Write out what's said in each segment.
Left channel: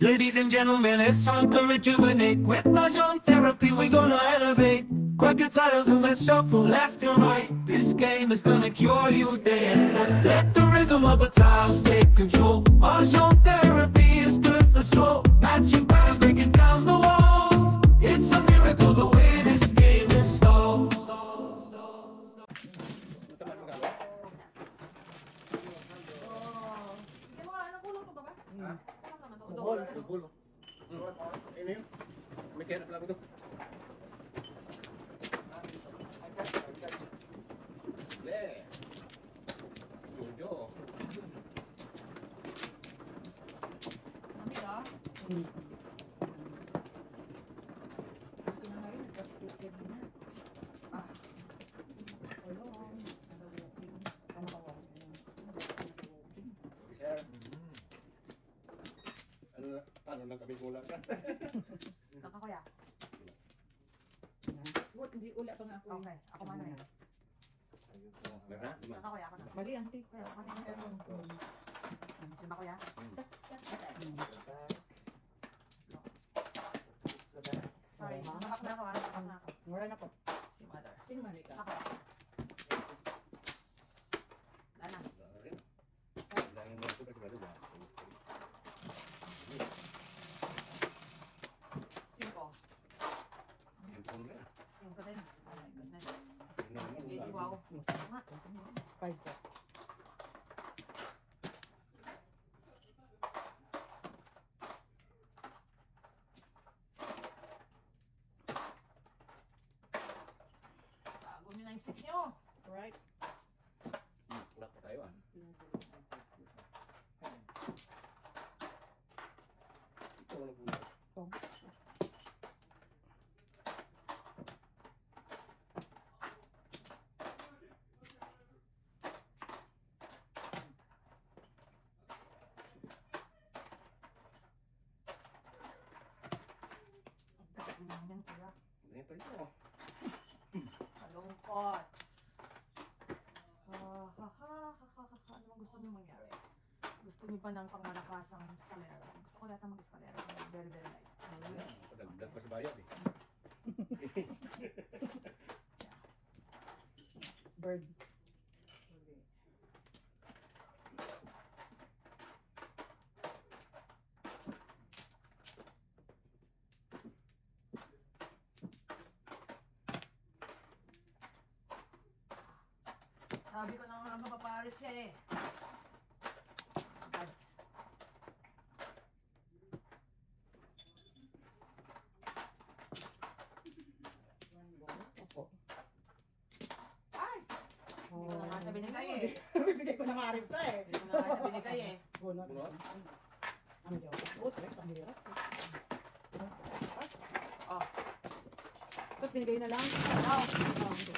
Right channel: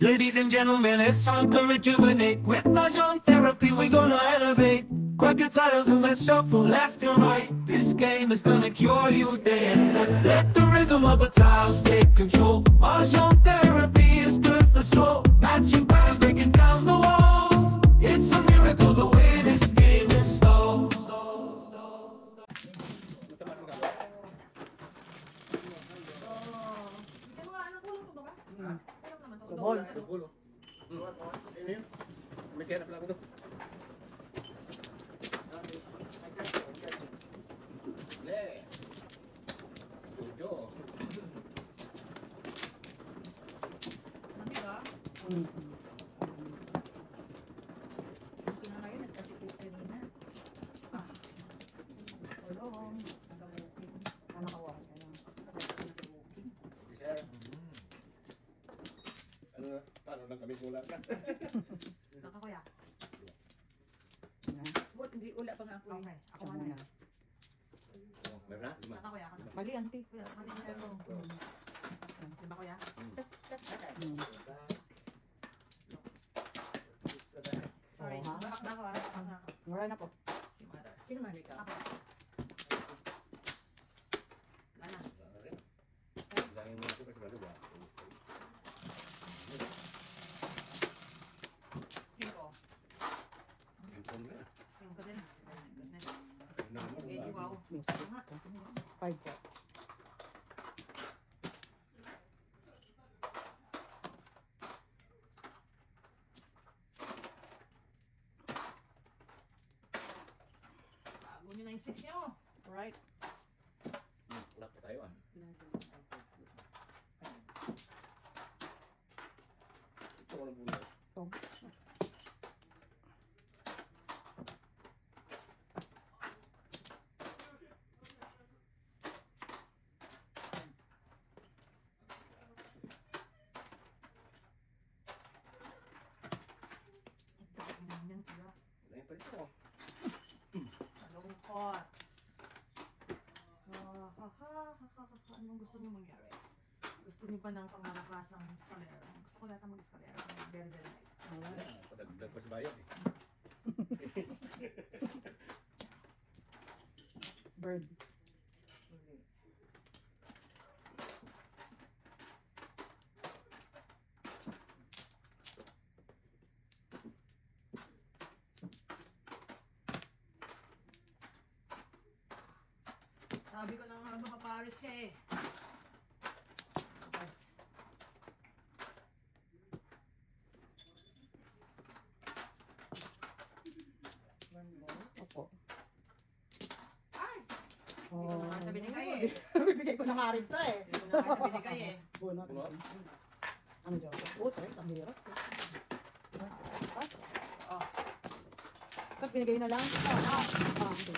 Ladies and gentlemen, it's time to rejuvenate. With Mahjong therapy, we're gonna elevate. Grab your titles and let's shuffle left and right. This game is gonna cure you day and night. Let the rhythm of the tiles take control. Mahjong therapy is good for soul. Matching patterns, breaking down the walls. It's a miracle the way this game installs. Bol. Bol. Ini yun. May kaya na pala ako doon. Jojo. Paano lang kami kulang ka? Nakakuya. Hindi ula pa nga ako. Okay, ako man na. Meron na? Nakakuya ako na. Bali, auntie. Kuya, mali na mo. Diba kuya? Sorry, nakakda ko. Mura na po. Si mother. Sino man ikaw? Ako. Ano? Dahil mo ito kasi dalawa. Cinco. Ipon na. Cinco din. Oh my goodness. Ano naman Baby, ulang? wow. Nga. 5 po. Bago nyo na yung sticks nyo. Alright. Ulat pa tayo ah. Ito wala bulat. So, Yan, kuya. Ano pa ito? Malungkot. Ano ang gusto niyo mangyari? Gusto niyo ba ng pangmalakasang eskalera? Gusto ko lahat ng mag-eskalera. Very, very light. Padagdag pa sa bayan eh. bird. Sabi ko na nga mapaparis siya eh. Ay. Opo. Ay! Oh, Hindi ko naman sa binigay eh. bibigay ko na nga rin to eh. Hindi ko naman sa binigay eh. Buwan Buwan? Ano daw? Buto eh. Ang hirap. Oh. Tapos binigay na lang. Ano? Okay.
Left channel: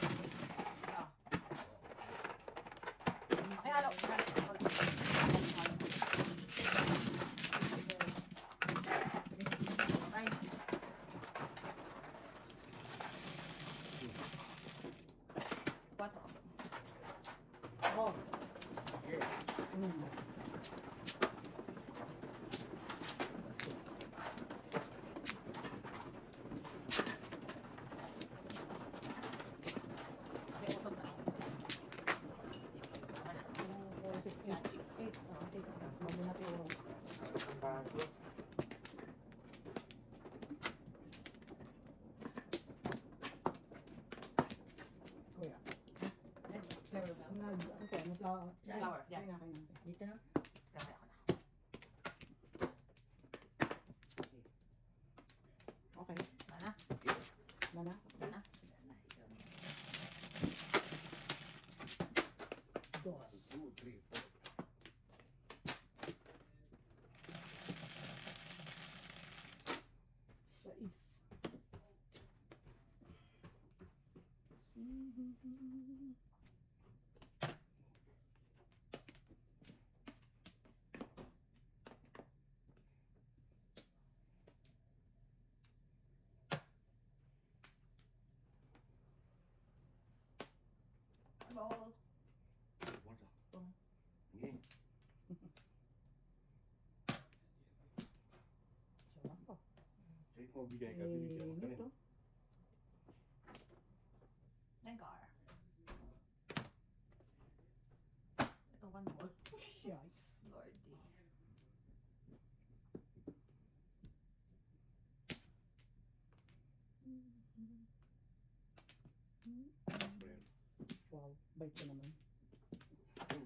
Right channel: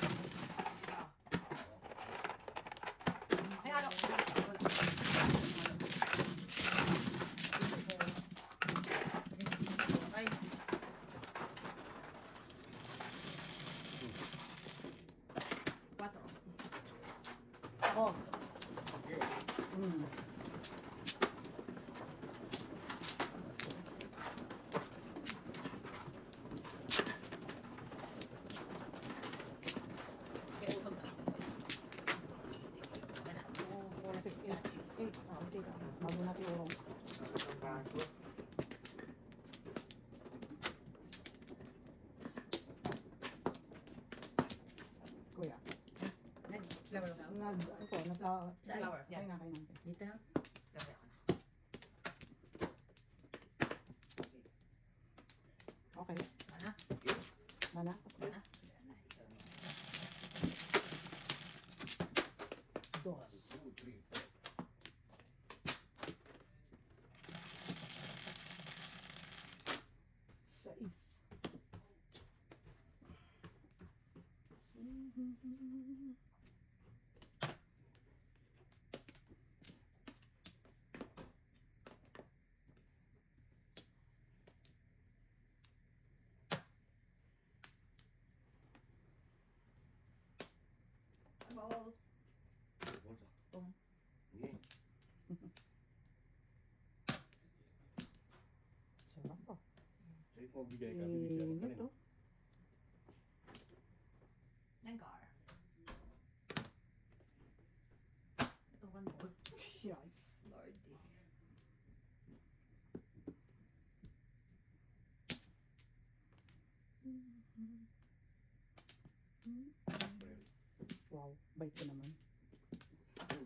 Ay, halo. Ay. Quatro. Oh. Mm. Okay, usog na. Wala. 4, 6, 8. 8. Oh, okay. Bago natin yung kuya. Flower ka. Flower. Flower, yeah. Kaya na, kaya na. Dito na. Gamay ako na. Okay. Mana? Mana? Mana? Dos. 2, 3, 4. Sais. Ball. Bolsa. Oh. Ini. mo bigay ka, bibigyan ka rin. Ito. Nengar. Ito, one more. Yikes. Lordy. Wow, bait ko naman.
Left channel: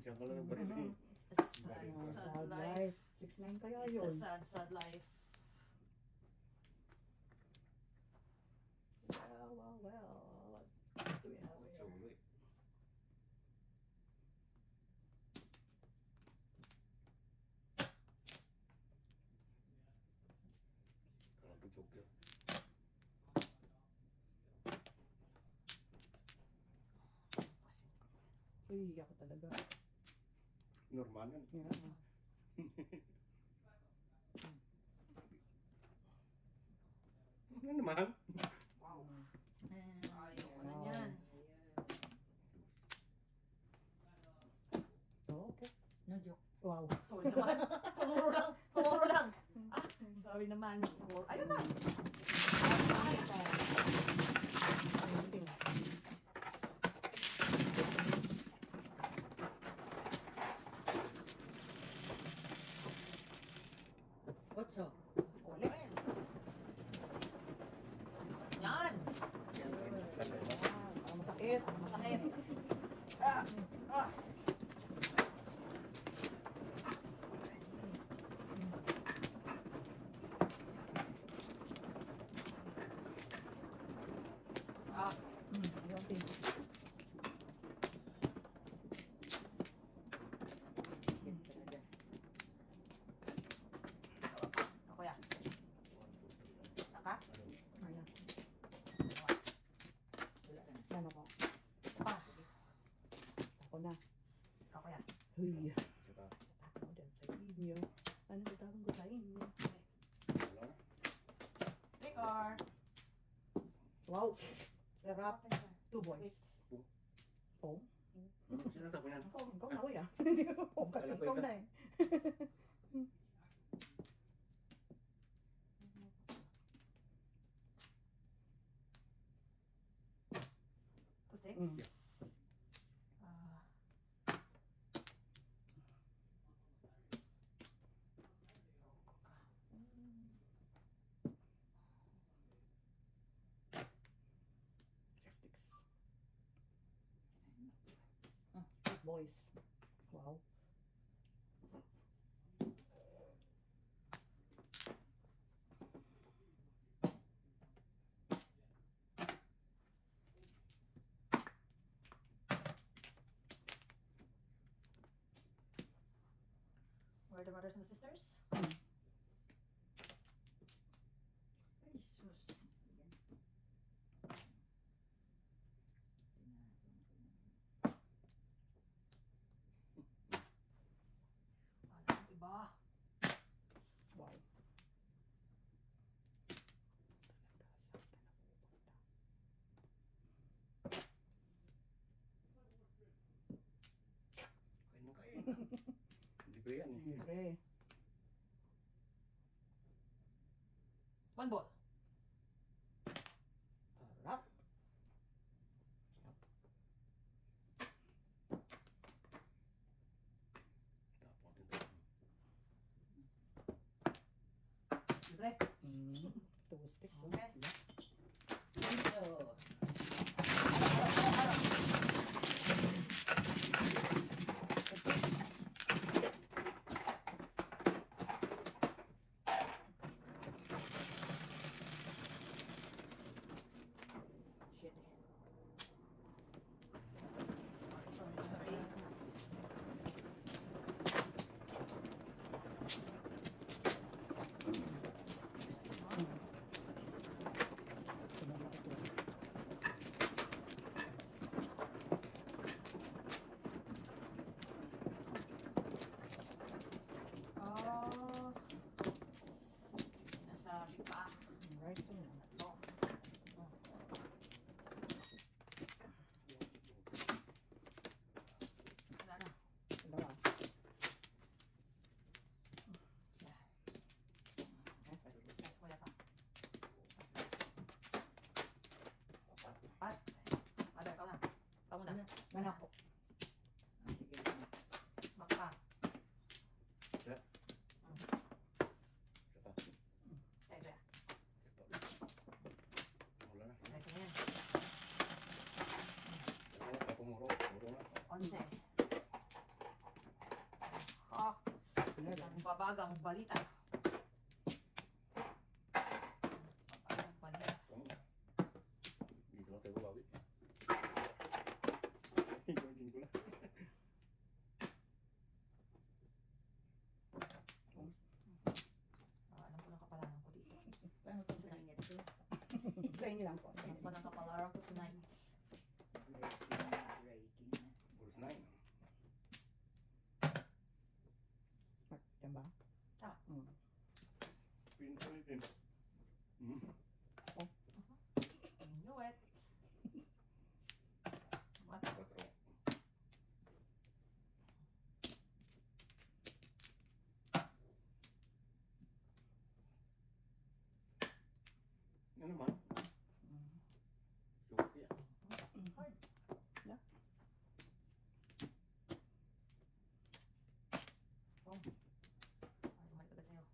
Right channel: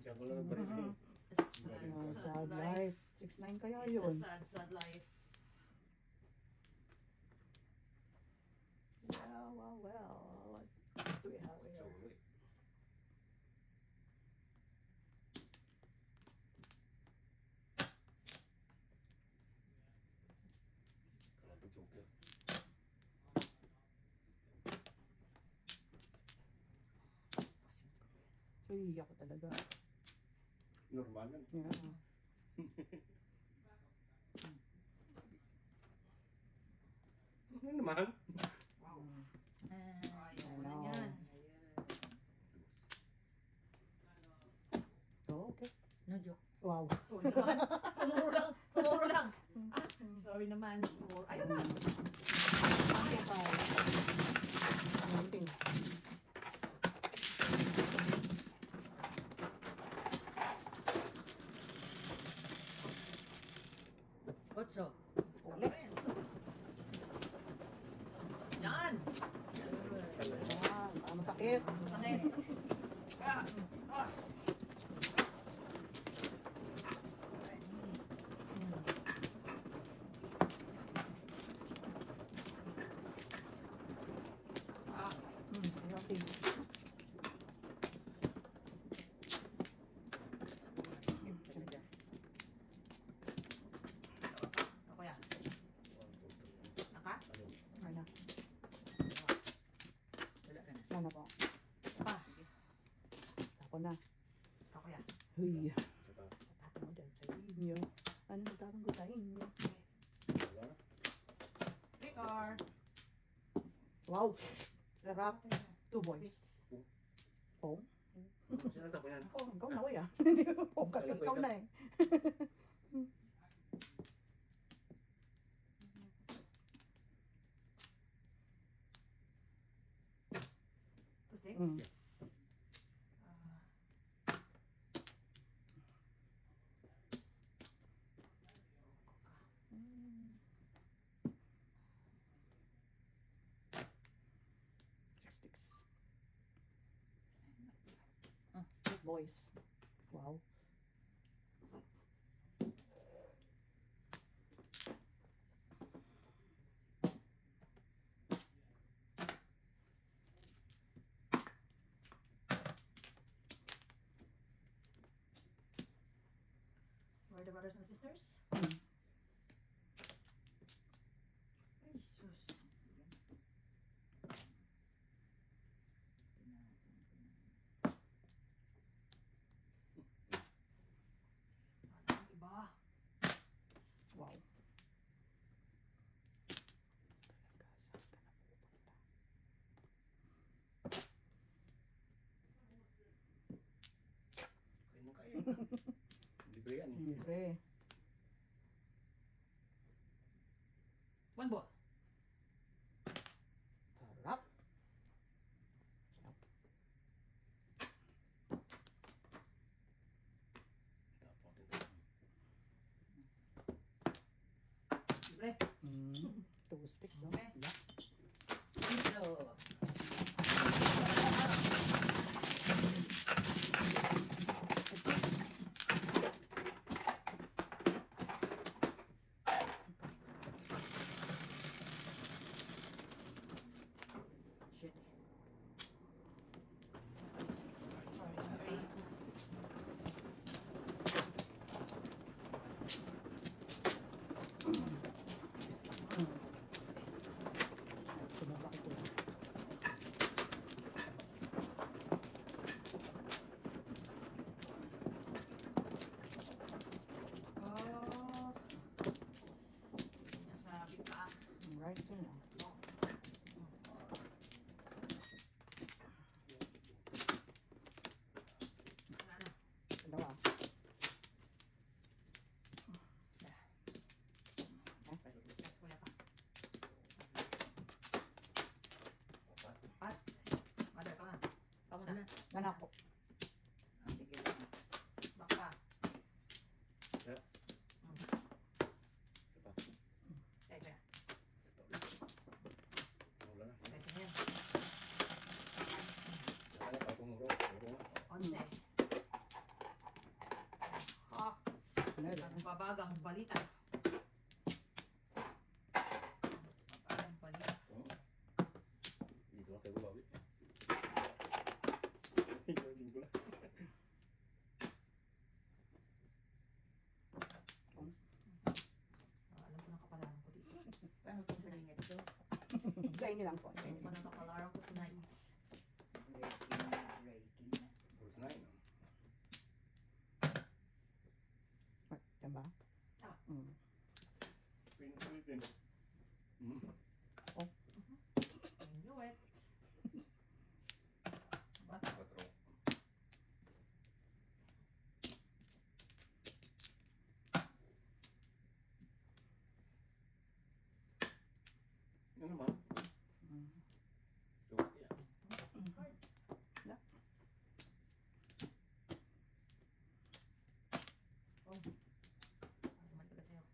Siya ko lang ang baril mo. It's a sad, Sad, sad life. life. 6'9" kaya It's a yun. sad, sad life. Well. What do we have So, here? wait. Grabe, joker. Uy, ako talaga. Normal yan. Yeah. Ano naman? And, ayaw ko na Wow. yan. Oh, okay. No joke. Wow. Sorry naman. Tumuro lang. Tumuro lang. Ah, sorry naman. Ayun na. Konting. Otso. Ulit. Yan. Ah, masakit. Masakit. Ah. Ah. Ah. Okay. Ako yan. Naka? Ano? Wala ka na. Ano po? Pa. Ako na. Ako yan. Huy. Saka, Tapos mo dyan sa inyo. Ano ba tawag ko sa inyo? wala. Victor. Wow. Sarap. 2 boys. Oh. Sino tapos yan? Ako, ikaw na way ah. Hindi ko po kasi ikaw na eh. Two sticks. Mm. Ah. Six sticks. Ah. 8 boys. Wow. Where are the brothers and sisters? Mm. Ay, sus. Parang iba. Wow. Kain mo kain. Libre yan eh. Libre. One ball. Sarap. Tapos din. Libre. Mm. 2 sticks. Oh. Okay. Otso. Shit. Sorry, sorry. Tumama ko. Ganak po. Sige lang. Bakpa. Yeah. Teka. Wala na. Teka yan. Ay, ako muro na. 11. Ah, ang babagang balita. Babagang balita. Dito na tayo bawi. Imagine ko lang. Alam ko na kapalaran ko dito. Paano kung sa ingat ito? Try niyo lang po. Alam ko na kapalaran ko tonight. Reiki na. Bruce 9. Yan ba? Tama. Pintulitin. Inuit. Ba? 4. Yan naman. Sofia. Bumalik agad sa'yo.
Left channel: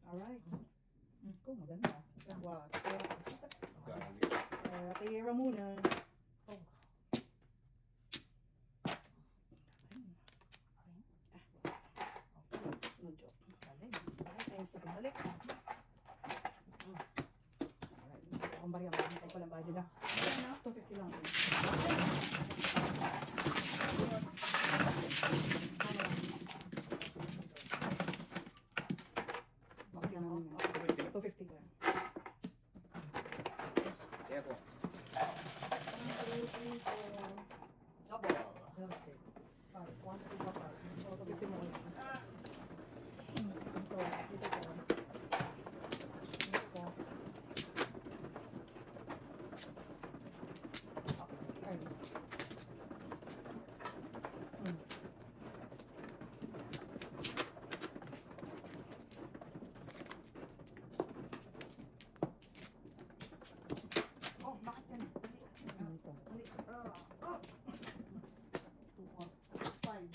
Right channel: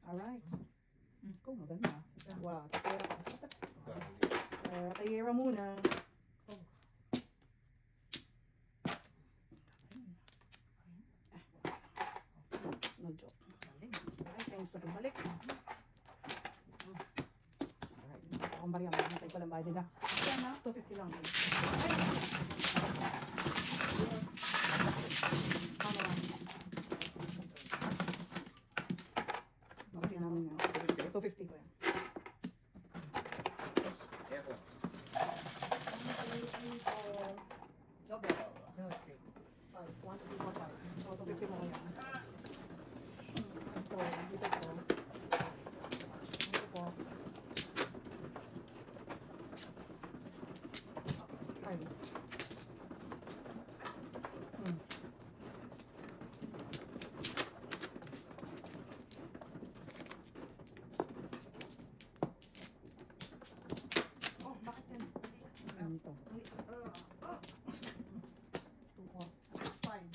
Alright. Ko, maganda. Wow. Galing. Kay Ramona. Oh. No joke. Galing. Alright, thanks sa bumalik. Alright, akong bariya. Magantay ko lang ba nila. Ayan na, 250 lang. Bakit namin yun? 250 ko yan. Kaya ko. Double. Sorry, 150 so 250 mo lang yan. Ito, ito po. Ito po. Ay. Oh, bakit yan? Ano ito? Mali. 2 or Fine.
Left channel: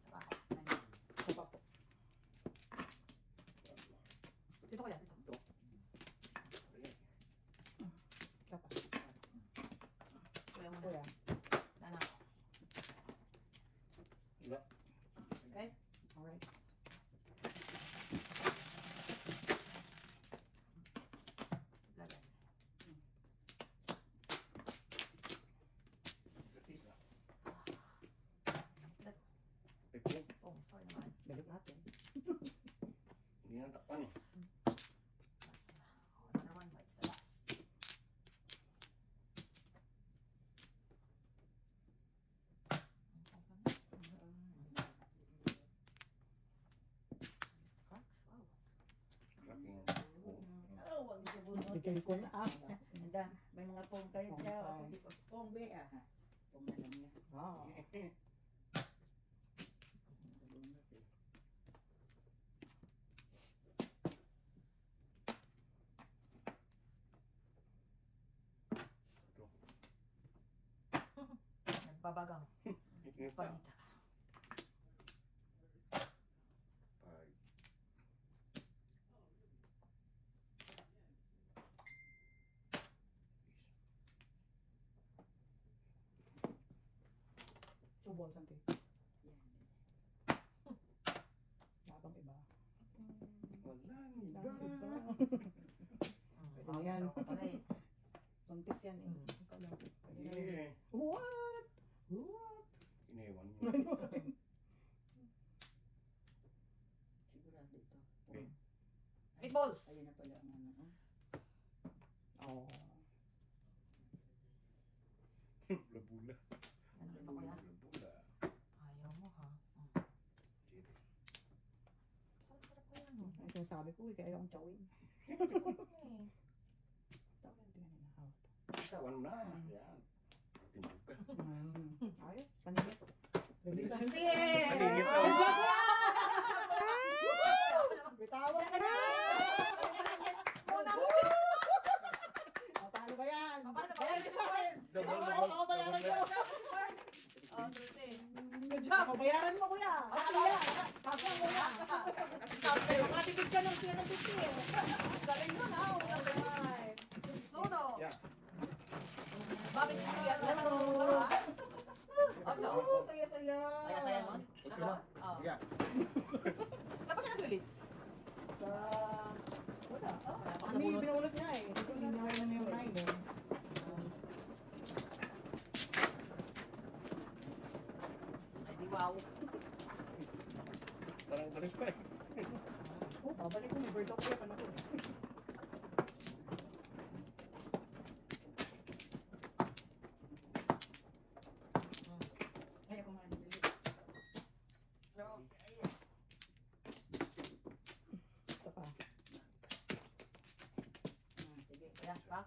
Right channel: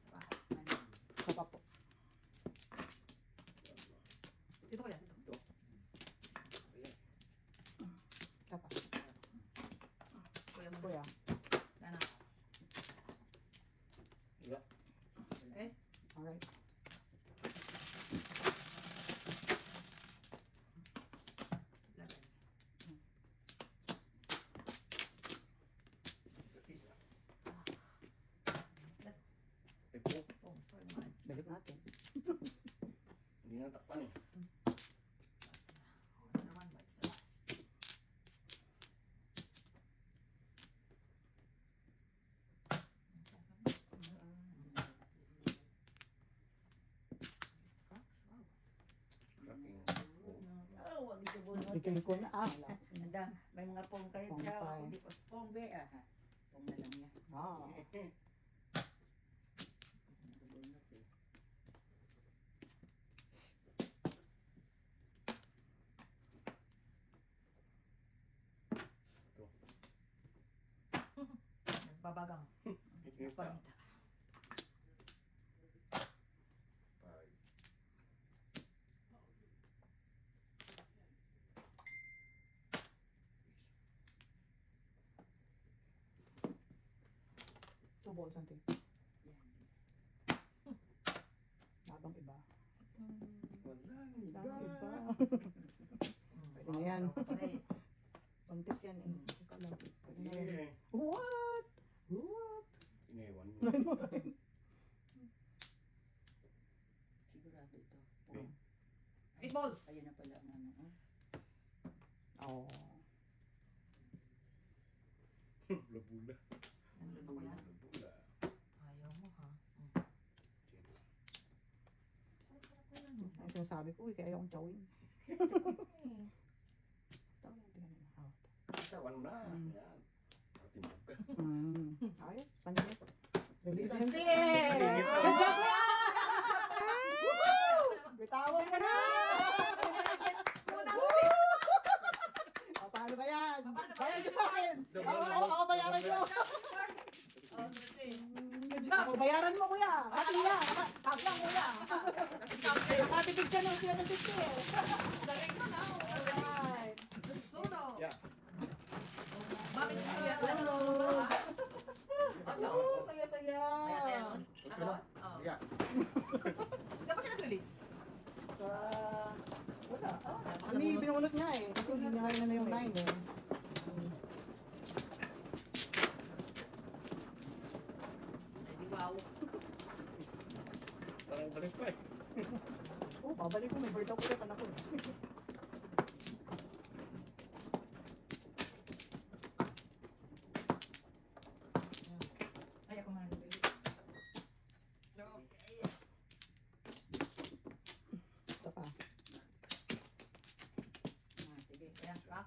Sa bahay. Ito pa po. Dito ko yan. Ito. Ito pa. Kuya mo Kuya. na. Nana. Iba. Okay? Alright. Lagan. Isa. Lag. Ito. Oh, sorry naman. Balik natin. Hindi na takpan eh. Oh, naman, what's the last? Cracks? Wow. Cracking. Oh, wag ito bunot. Bigay ko na. Nanda, may mga pong kayo Pong siya. tayo. Hindi po pong be. Pong na lang yan. Ah. Bunot eh. Ito. Nagbabagang. Ito pa. Balita. 5. Two balls ang tape. Yan. Habang iba. Walang Habang iba. iba. Hmm, Pwede na yan. ako pala eh. Contis yan eh. Ikaw lang. Pwede na yan. Yeah. What? What? Iniwan mo. Sigurado ito. Okay. 8 balls! Ayun na pala ang ano. Oh. Bula-bula. Ano ba ko yan? Bula-bula. Ayaw mo ha? Chito. Sarap ko yan. no? Ay, sinasabi ko eh, kaya ayaw kong chawin. Tama, tingnan mo. Ah. Tawan mo na. Yan. Timbog ka. Ayos, paningin. Release na. Paningit na. Bitawan ka na! Paano ba yan? Paano ba Bayaran yan? niyo sa akin! Double, Ako bayaran niyo! double. Bayaran mo, kuya. Kasi yan. Kasi yan, kuya. Nakatipid ka ng 750 eh. Galing mo na. Alright. Suno. Yeah. Mami, saya. Oh, saya-saya. Saya nun. Ocho na. Oo. Yeah. Kapag siya nag-release? Sa... Wala. Baka Hindi, nabunot. binunot niya eh. Kasi hindi niya kaya na yung 9 eh. Ay, di wow. Parang balik pa eh. Oh, babalik ko. May bird up ulit. Anak ko. Ay, ako nga. Okay. Ito pa. Sige, ayan, pa.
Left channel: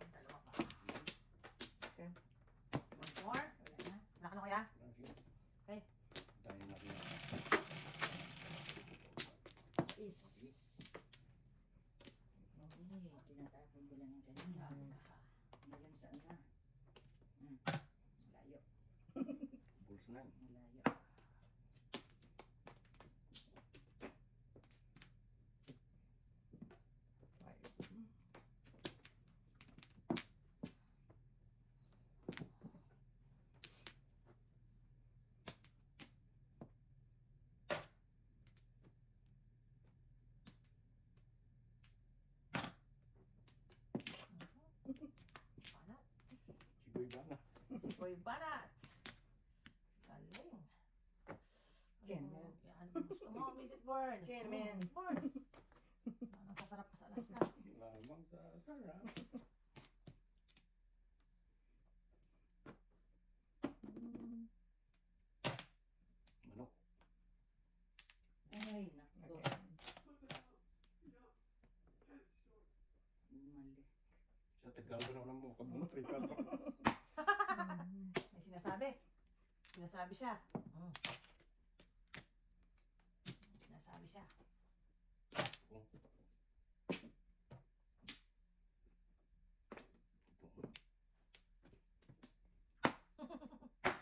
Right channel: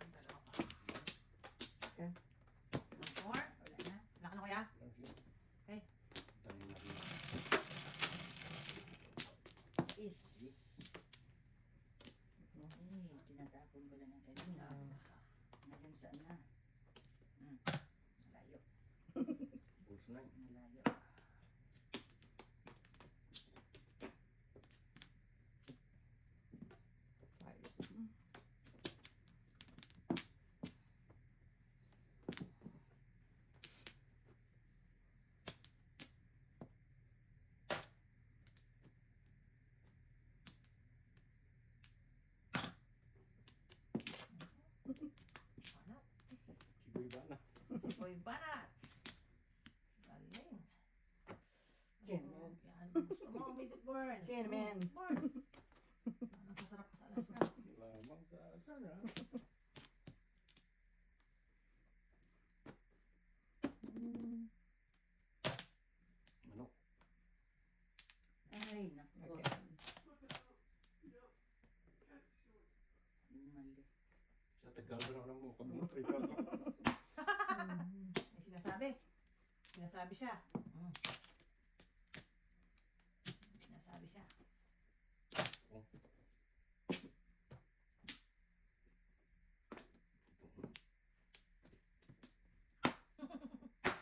Ang dalawa pa. Okay. One more. Wala na. Wala ka na kaya? Okay. Tayo natin. Is. Tinatapon ko lang ng kanina. Ngayon saan na? Malayo. Pulse 9. Malayo. Ano? Siboy ba na? Si Boy Banat. Galing. Ken, Ano, yan. Gusto mo, Mrs. Burns. Ken, man. Burns. Anong sasarap ka sa Alaska? Lamang sa Sara. Manok. Ay, naku. Okay. Mali. Sa Tagalog na mo kabunot. Ricardo. May sinasabi. Sinasabi siya. Sinasabi siya.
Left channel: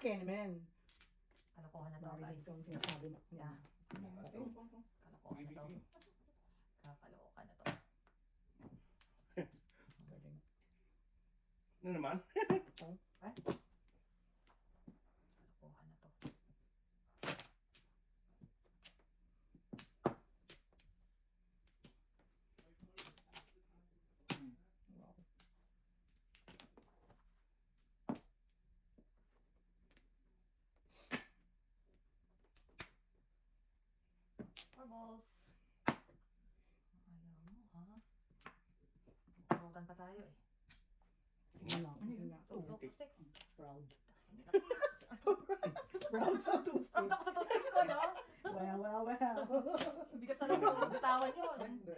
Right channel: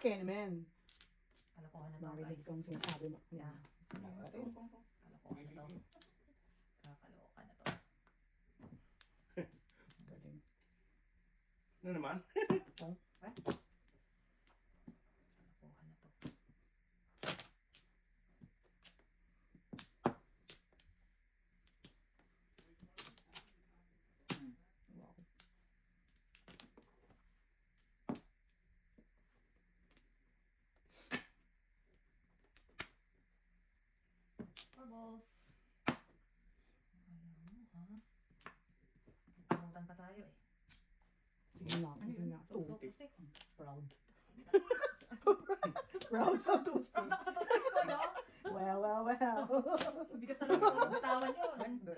Ken, man. Kalokohan na to, Narinig guys. ko ang sinasabi mo. Yeah. Okay. Kalokohan na to. Kakalokan na to. Galing. Ano naman? Kalokohan na to. Wow. Marbles. Ayaw mo, ha? Pumutan pa tayo eh. Sige nga. Sige nga. Two, Two. two sticks. Proud. Proud sa two Ang sticks. tako sa two sticks ko, no? Well, well, well. Hindi ka sa loob ng bitawan yun. Hindi.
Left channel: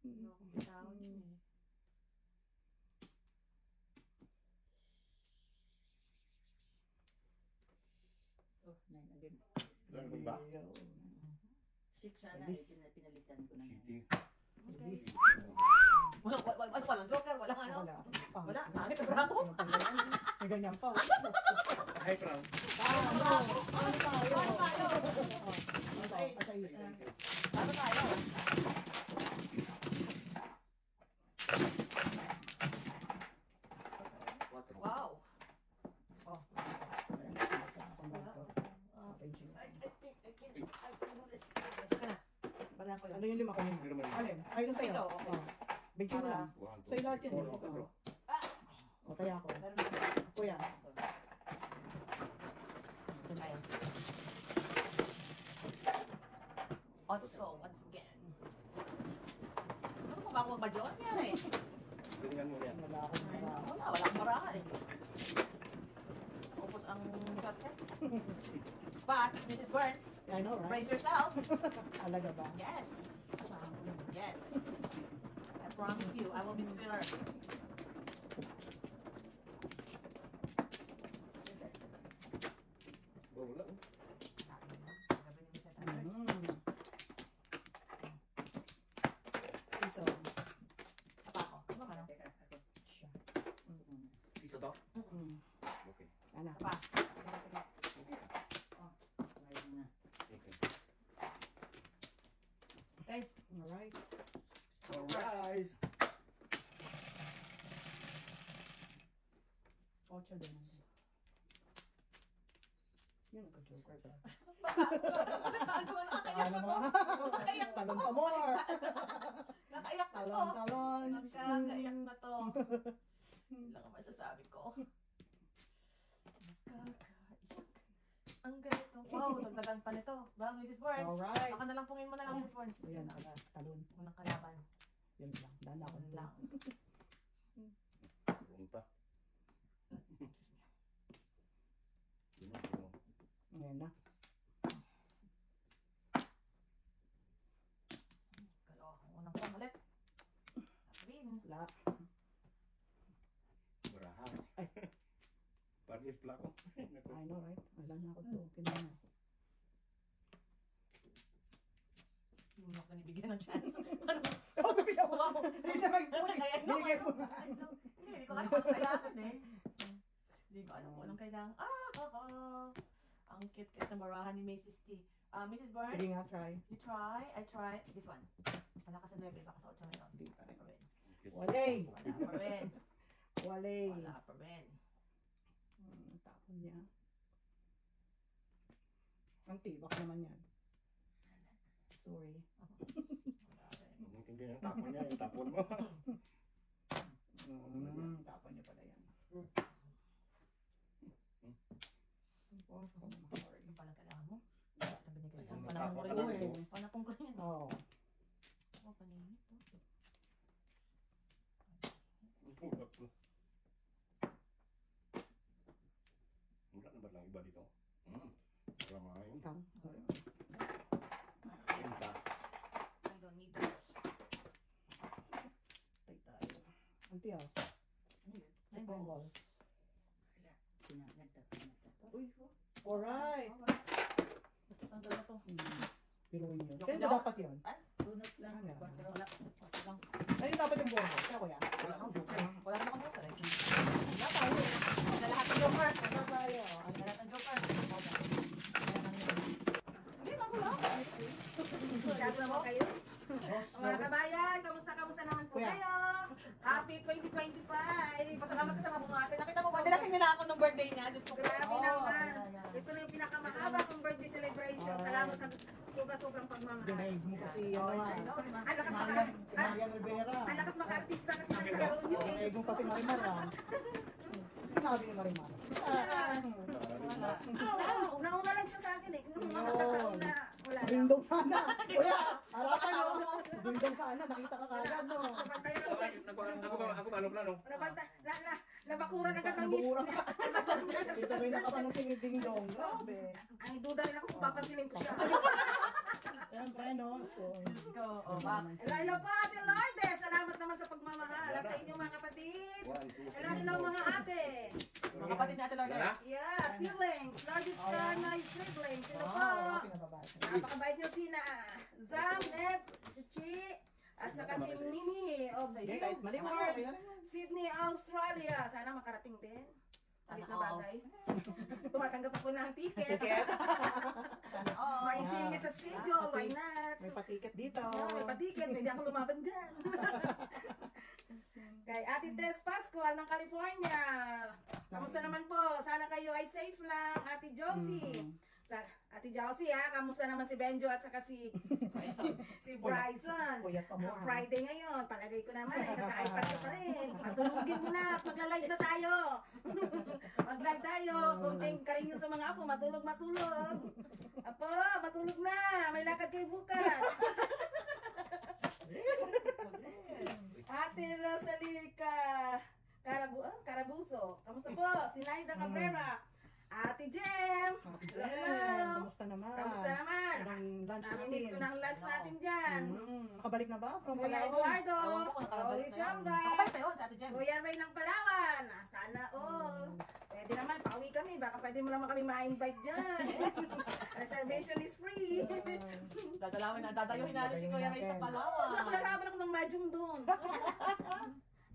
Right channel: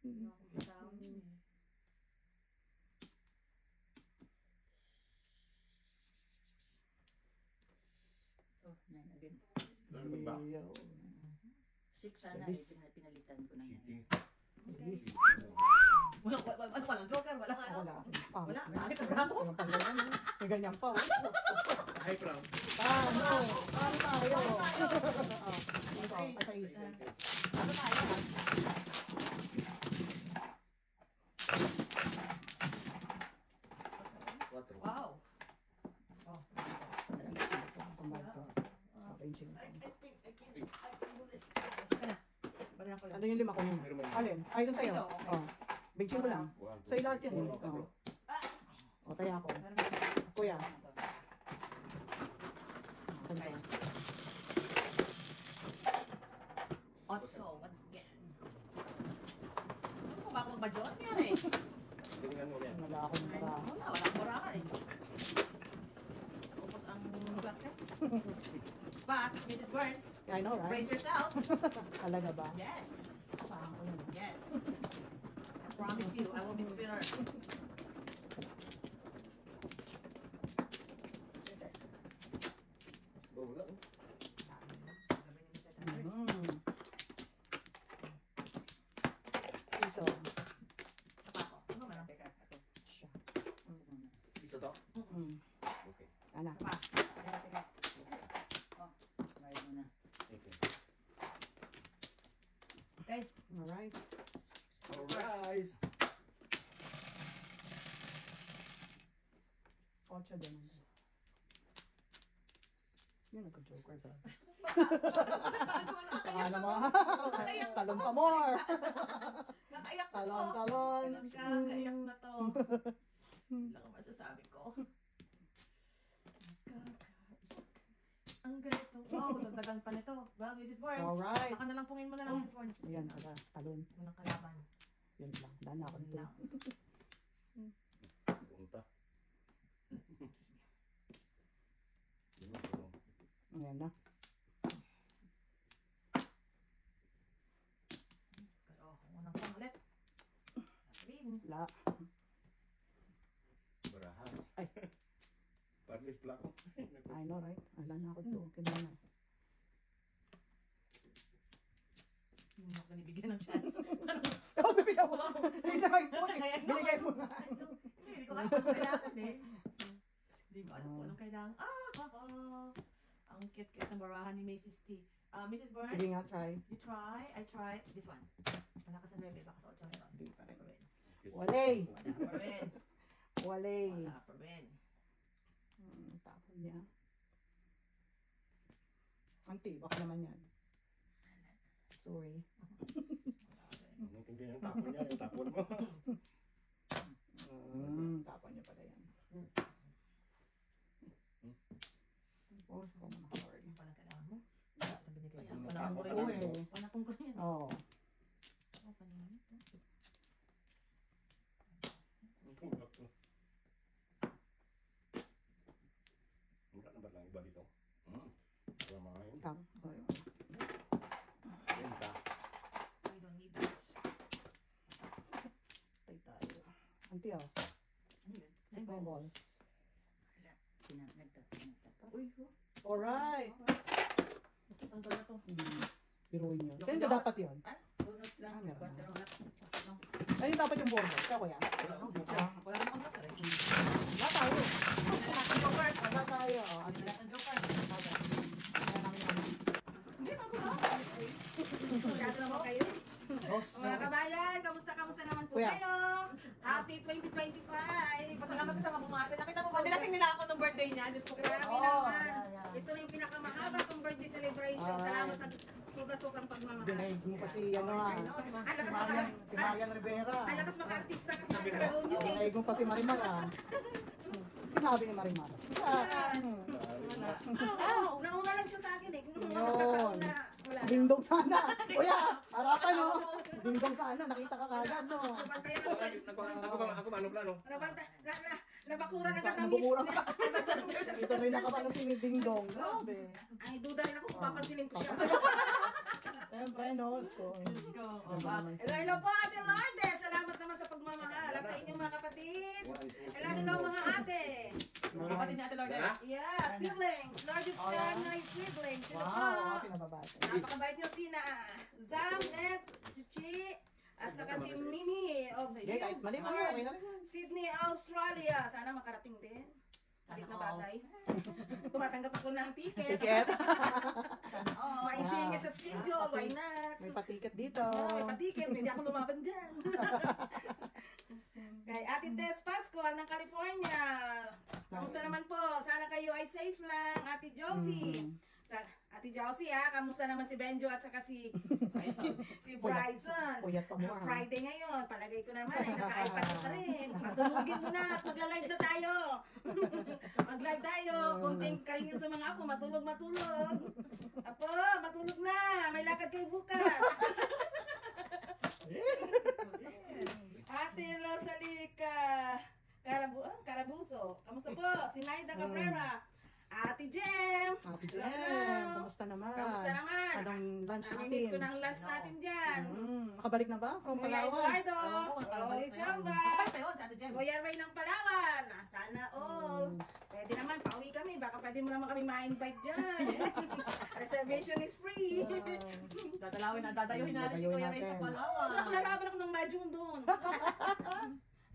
Hindi ako bitawan yun eh. Oh, 9 again. Ano ba? 6 sana Labis. eh, pinalitan ko na Sige. Yes. Walang joker, walang ano. Wala. Wala, bakit ang brato? May ganyan pa. High crown. Ano tayo? Ito, Ace. patay. Ano tayo? Quattro. Wow. Patay siya. I can do this. Teka na. Banahan ko yun. Ano yung lima ko yun? Pero man. Alin? Ay, doon sa'yo. Iso. Oh. Big mo lang. One, two, Sa'yo lahat yun. four, Oh. quattro. O, tayo ako. Meron na. Kuya. Tayo. Otso, once again. Ano ba ako magbadyo? Ano yan eh? Tingnan mo yan. Wala akong mara. Walang marahan eh. Upos ang swerte. But, Mrs. Burns, I know, right? brace yourself. Alaga ba? Yes. Yes. I promise you, I will be spiller. Wala. Mm. Iso. Apa ako? Ano ba Teka, ako. Siya. Isa to? Mm. Okay. Anak. Apa? Okay. Alright. Alright. 8 din. Yan, nagka-joker ka. Ano mo? Talon pa more. Nakaiyak na to. Talon. Nakaiyak na to. Wala kang masasabi ko. Ang ganito. Wow, dagdagan pa nito. Ba, Mrs. Burns? Alright. Baka na lang pungin mo na lang, Mrs. Burns. Ayan, talon. Unang kalaban. Yan lang. Dahil na ako Yun ito. lang. Punta. Ayan na. Pero, unang pang ulit. Sabihin. La. Barahas. Ay. Paris plako. I know, right? Alam na ako ito. Kailan na. Muna ka nibigyan ng chance. Oh, bibigyan mo. Hindi na mag-put. Kaya Binigay mo na. Hindi ko alam kung kailangan eh. Hindi ko alam kung anong kailangan. Ang cute-cute na barahan ni Mrs. T. Mrs. Burns, Sige nga, try. you try. I try. This one. Wala ka sa bebe, baka sa 8 nito. Hindi pa rin. Pa rin. Walay. Wala pa rin. Walay. Wala pa rin. Tapon niya. Ang tibak naman yan. Sorry. Wala rin. Hindi yung tapon niya, yung tapon mo. Tapon niya pala yan. Oh, ako naman, sorry. Yung palang kailangan mo. Wala na binigay. Ayun, Panapong ko rin tapon yan. ka na. Panapong ko rin yan. Oo. Paningin ito. Wala na ba lang iba dito? Ramahin. Tang. Sorry. Yan ka. I don't need that. Tay tayo. Auntie, oh. Ay, Ball. Uy, Alright. ang ganda to. Piruin yun. Ganyan dapat yun. Ano yung dapat yung bordo? Ikaw kuya? Wala naman ako rin. Wala tayo. Wala lahat ng joker. Wala tayo. Wala lahat ng joker. Hindi, bago lang. Masyado naman kayo. Boss. Mga kabayan, kamusta naman po Kuya. kayo? Happy 2025! Pasalamat ka sa mga bumate. Nakita mo, madalasing nila ako ng birthday niya. Diyos ko. Grabe Oh, naman. yeah. Ito na yung pinakamakaba kong birthday celebration. Salamat sa sobra-sobrang pagmamahal. Dinaig mo kasi ano Ang lakas si Marian Rivera. ang lakas maka-artista kasi nagkaroon yun eh. Dinaig mo kasi Marimar ah. Sinabi ni Marimar. Nauna lang siya sa akin eh. Nagkataon na wala lang. Dingdong sana. Kuya, harapan no. Dingdong sana. Nakita ka kagad no. Nabantayan Ako ano plano? nabakuran agad ng Nabukura ka. Ito may nakapalang si Dingdong. Grabe. Ang duda na ako kung papansinin ko siya. Siyempre no. So, Let's go. O, back. Hello po Ate Lourdes. Salamat naman sa pagmamahal at sa inyong mga kapatid. Hello mga ate. Mga kapatid ni Ate Lourdes. Yeah, siblings. Lourdes Canay siblings. Hello po. wow, kinababasa. Napakabait niyo sina Zam, Ned, si Chi, at saka si Mimi of Hindi, kahit mali mo. Guildford, Okay lang yan. Sydney, Australia. Sana makarating din. Balik na bagay. Tumatanggap ako ng ticket. Ticket. Maisingit sa schedule. Why not? May patiket dito. May patiket. Pwede ako lumaban dyan. Kay Ate Tess Pascual ng California. Kamusta naman po? Sana kayo ay safe lang. Ate Josie. Ate Josie kamusta naman si Benjo at saka si Bryson. Puyat pa mo. Friday ngayon, palagay ko naman nasa iPad ko pa rin. Matulugin mo na at magla-live na tayo. Mag-live tayo. Kunting karinyo sa mga apo, matulog. Apo, matulog na. May lakad kayo bukas. Ate Rosalica Carabuso. Kamusta po? Si Naida Cabrera. Ate Jem. Happy Hello. Jem. Kamusta naman? Kamusta naman? Anong lunch Namimiss ko natin? ng lunch natin dyan. Nakabalik na ba? From Kuya Palawan? Eduardo. Oo, Oli Silva. Kapag tayo, si Ate Jem. Kuya Ray ng Palawan. Sana all. Pwede naman, pauwi kami. Baka pwede mo naman kami ma-invite dyan. Reservation is free. Dadayuhin natin si Kuya Ray sa Palawan. Naraban ako ng mahjong doon.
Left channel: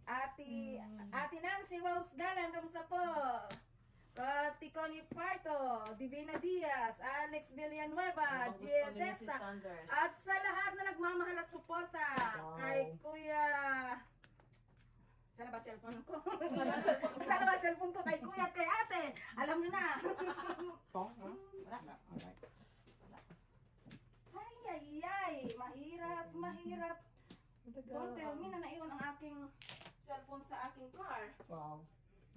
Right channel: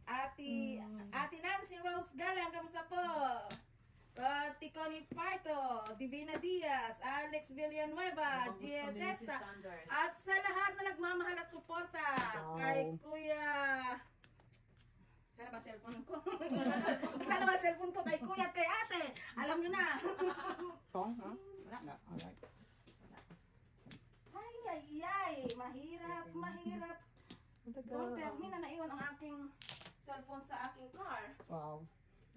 Ate Nancy Rose Galang, kamusta po? Kati Connie Parto, Divina Diaz, Alex Villanueva, Gia Testa, at sa lahat na nagmamahal suporta Wow. kay Kuya. Sana ba cellphone ko? Sana ba cellphone ko kay Kuya at kay Ate? Alam niyo na. Pong? Wala. Alright. Ay, mahirap. Don't tell me na naiwan ang aking cellphone sa aking car. Wow.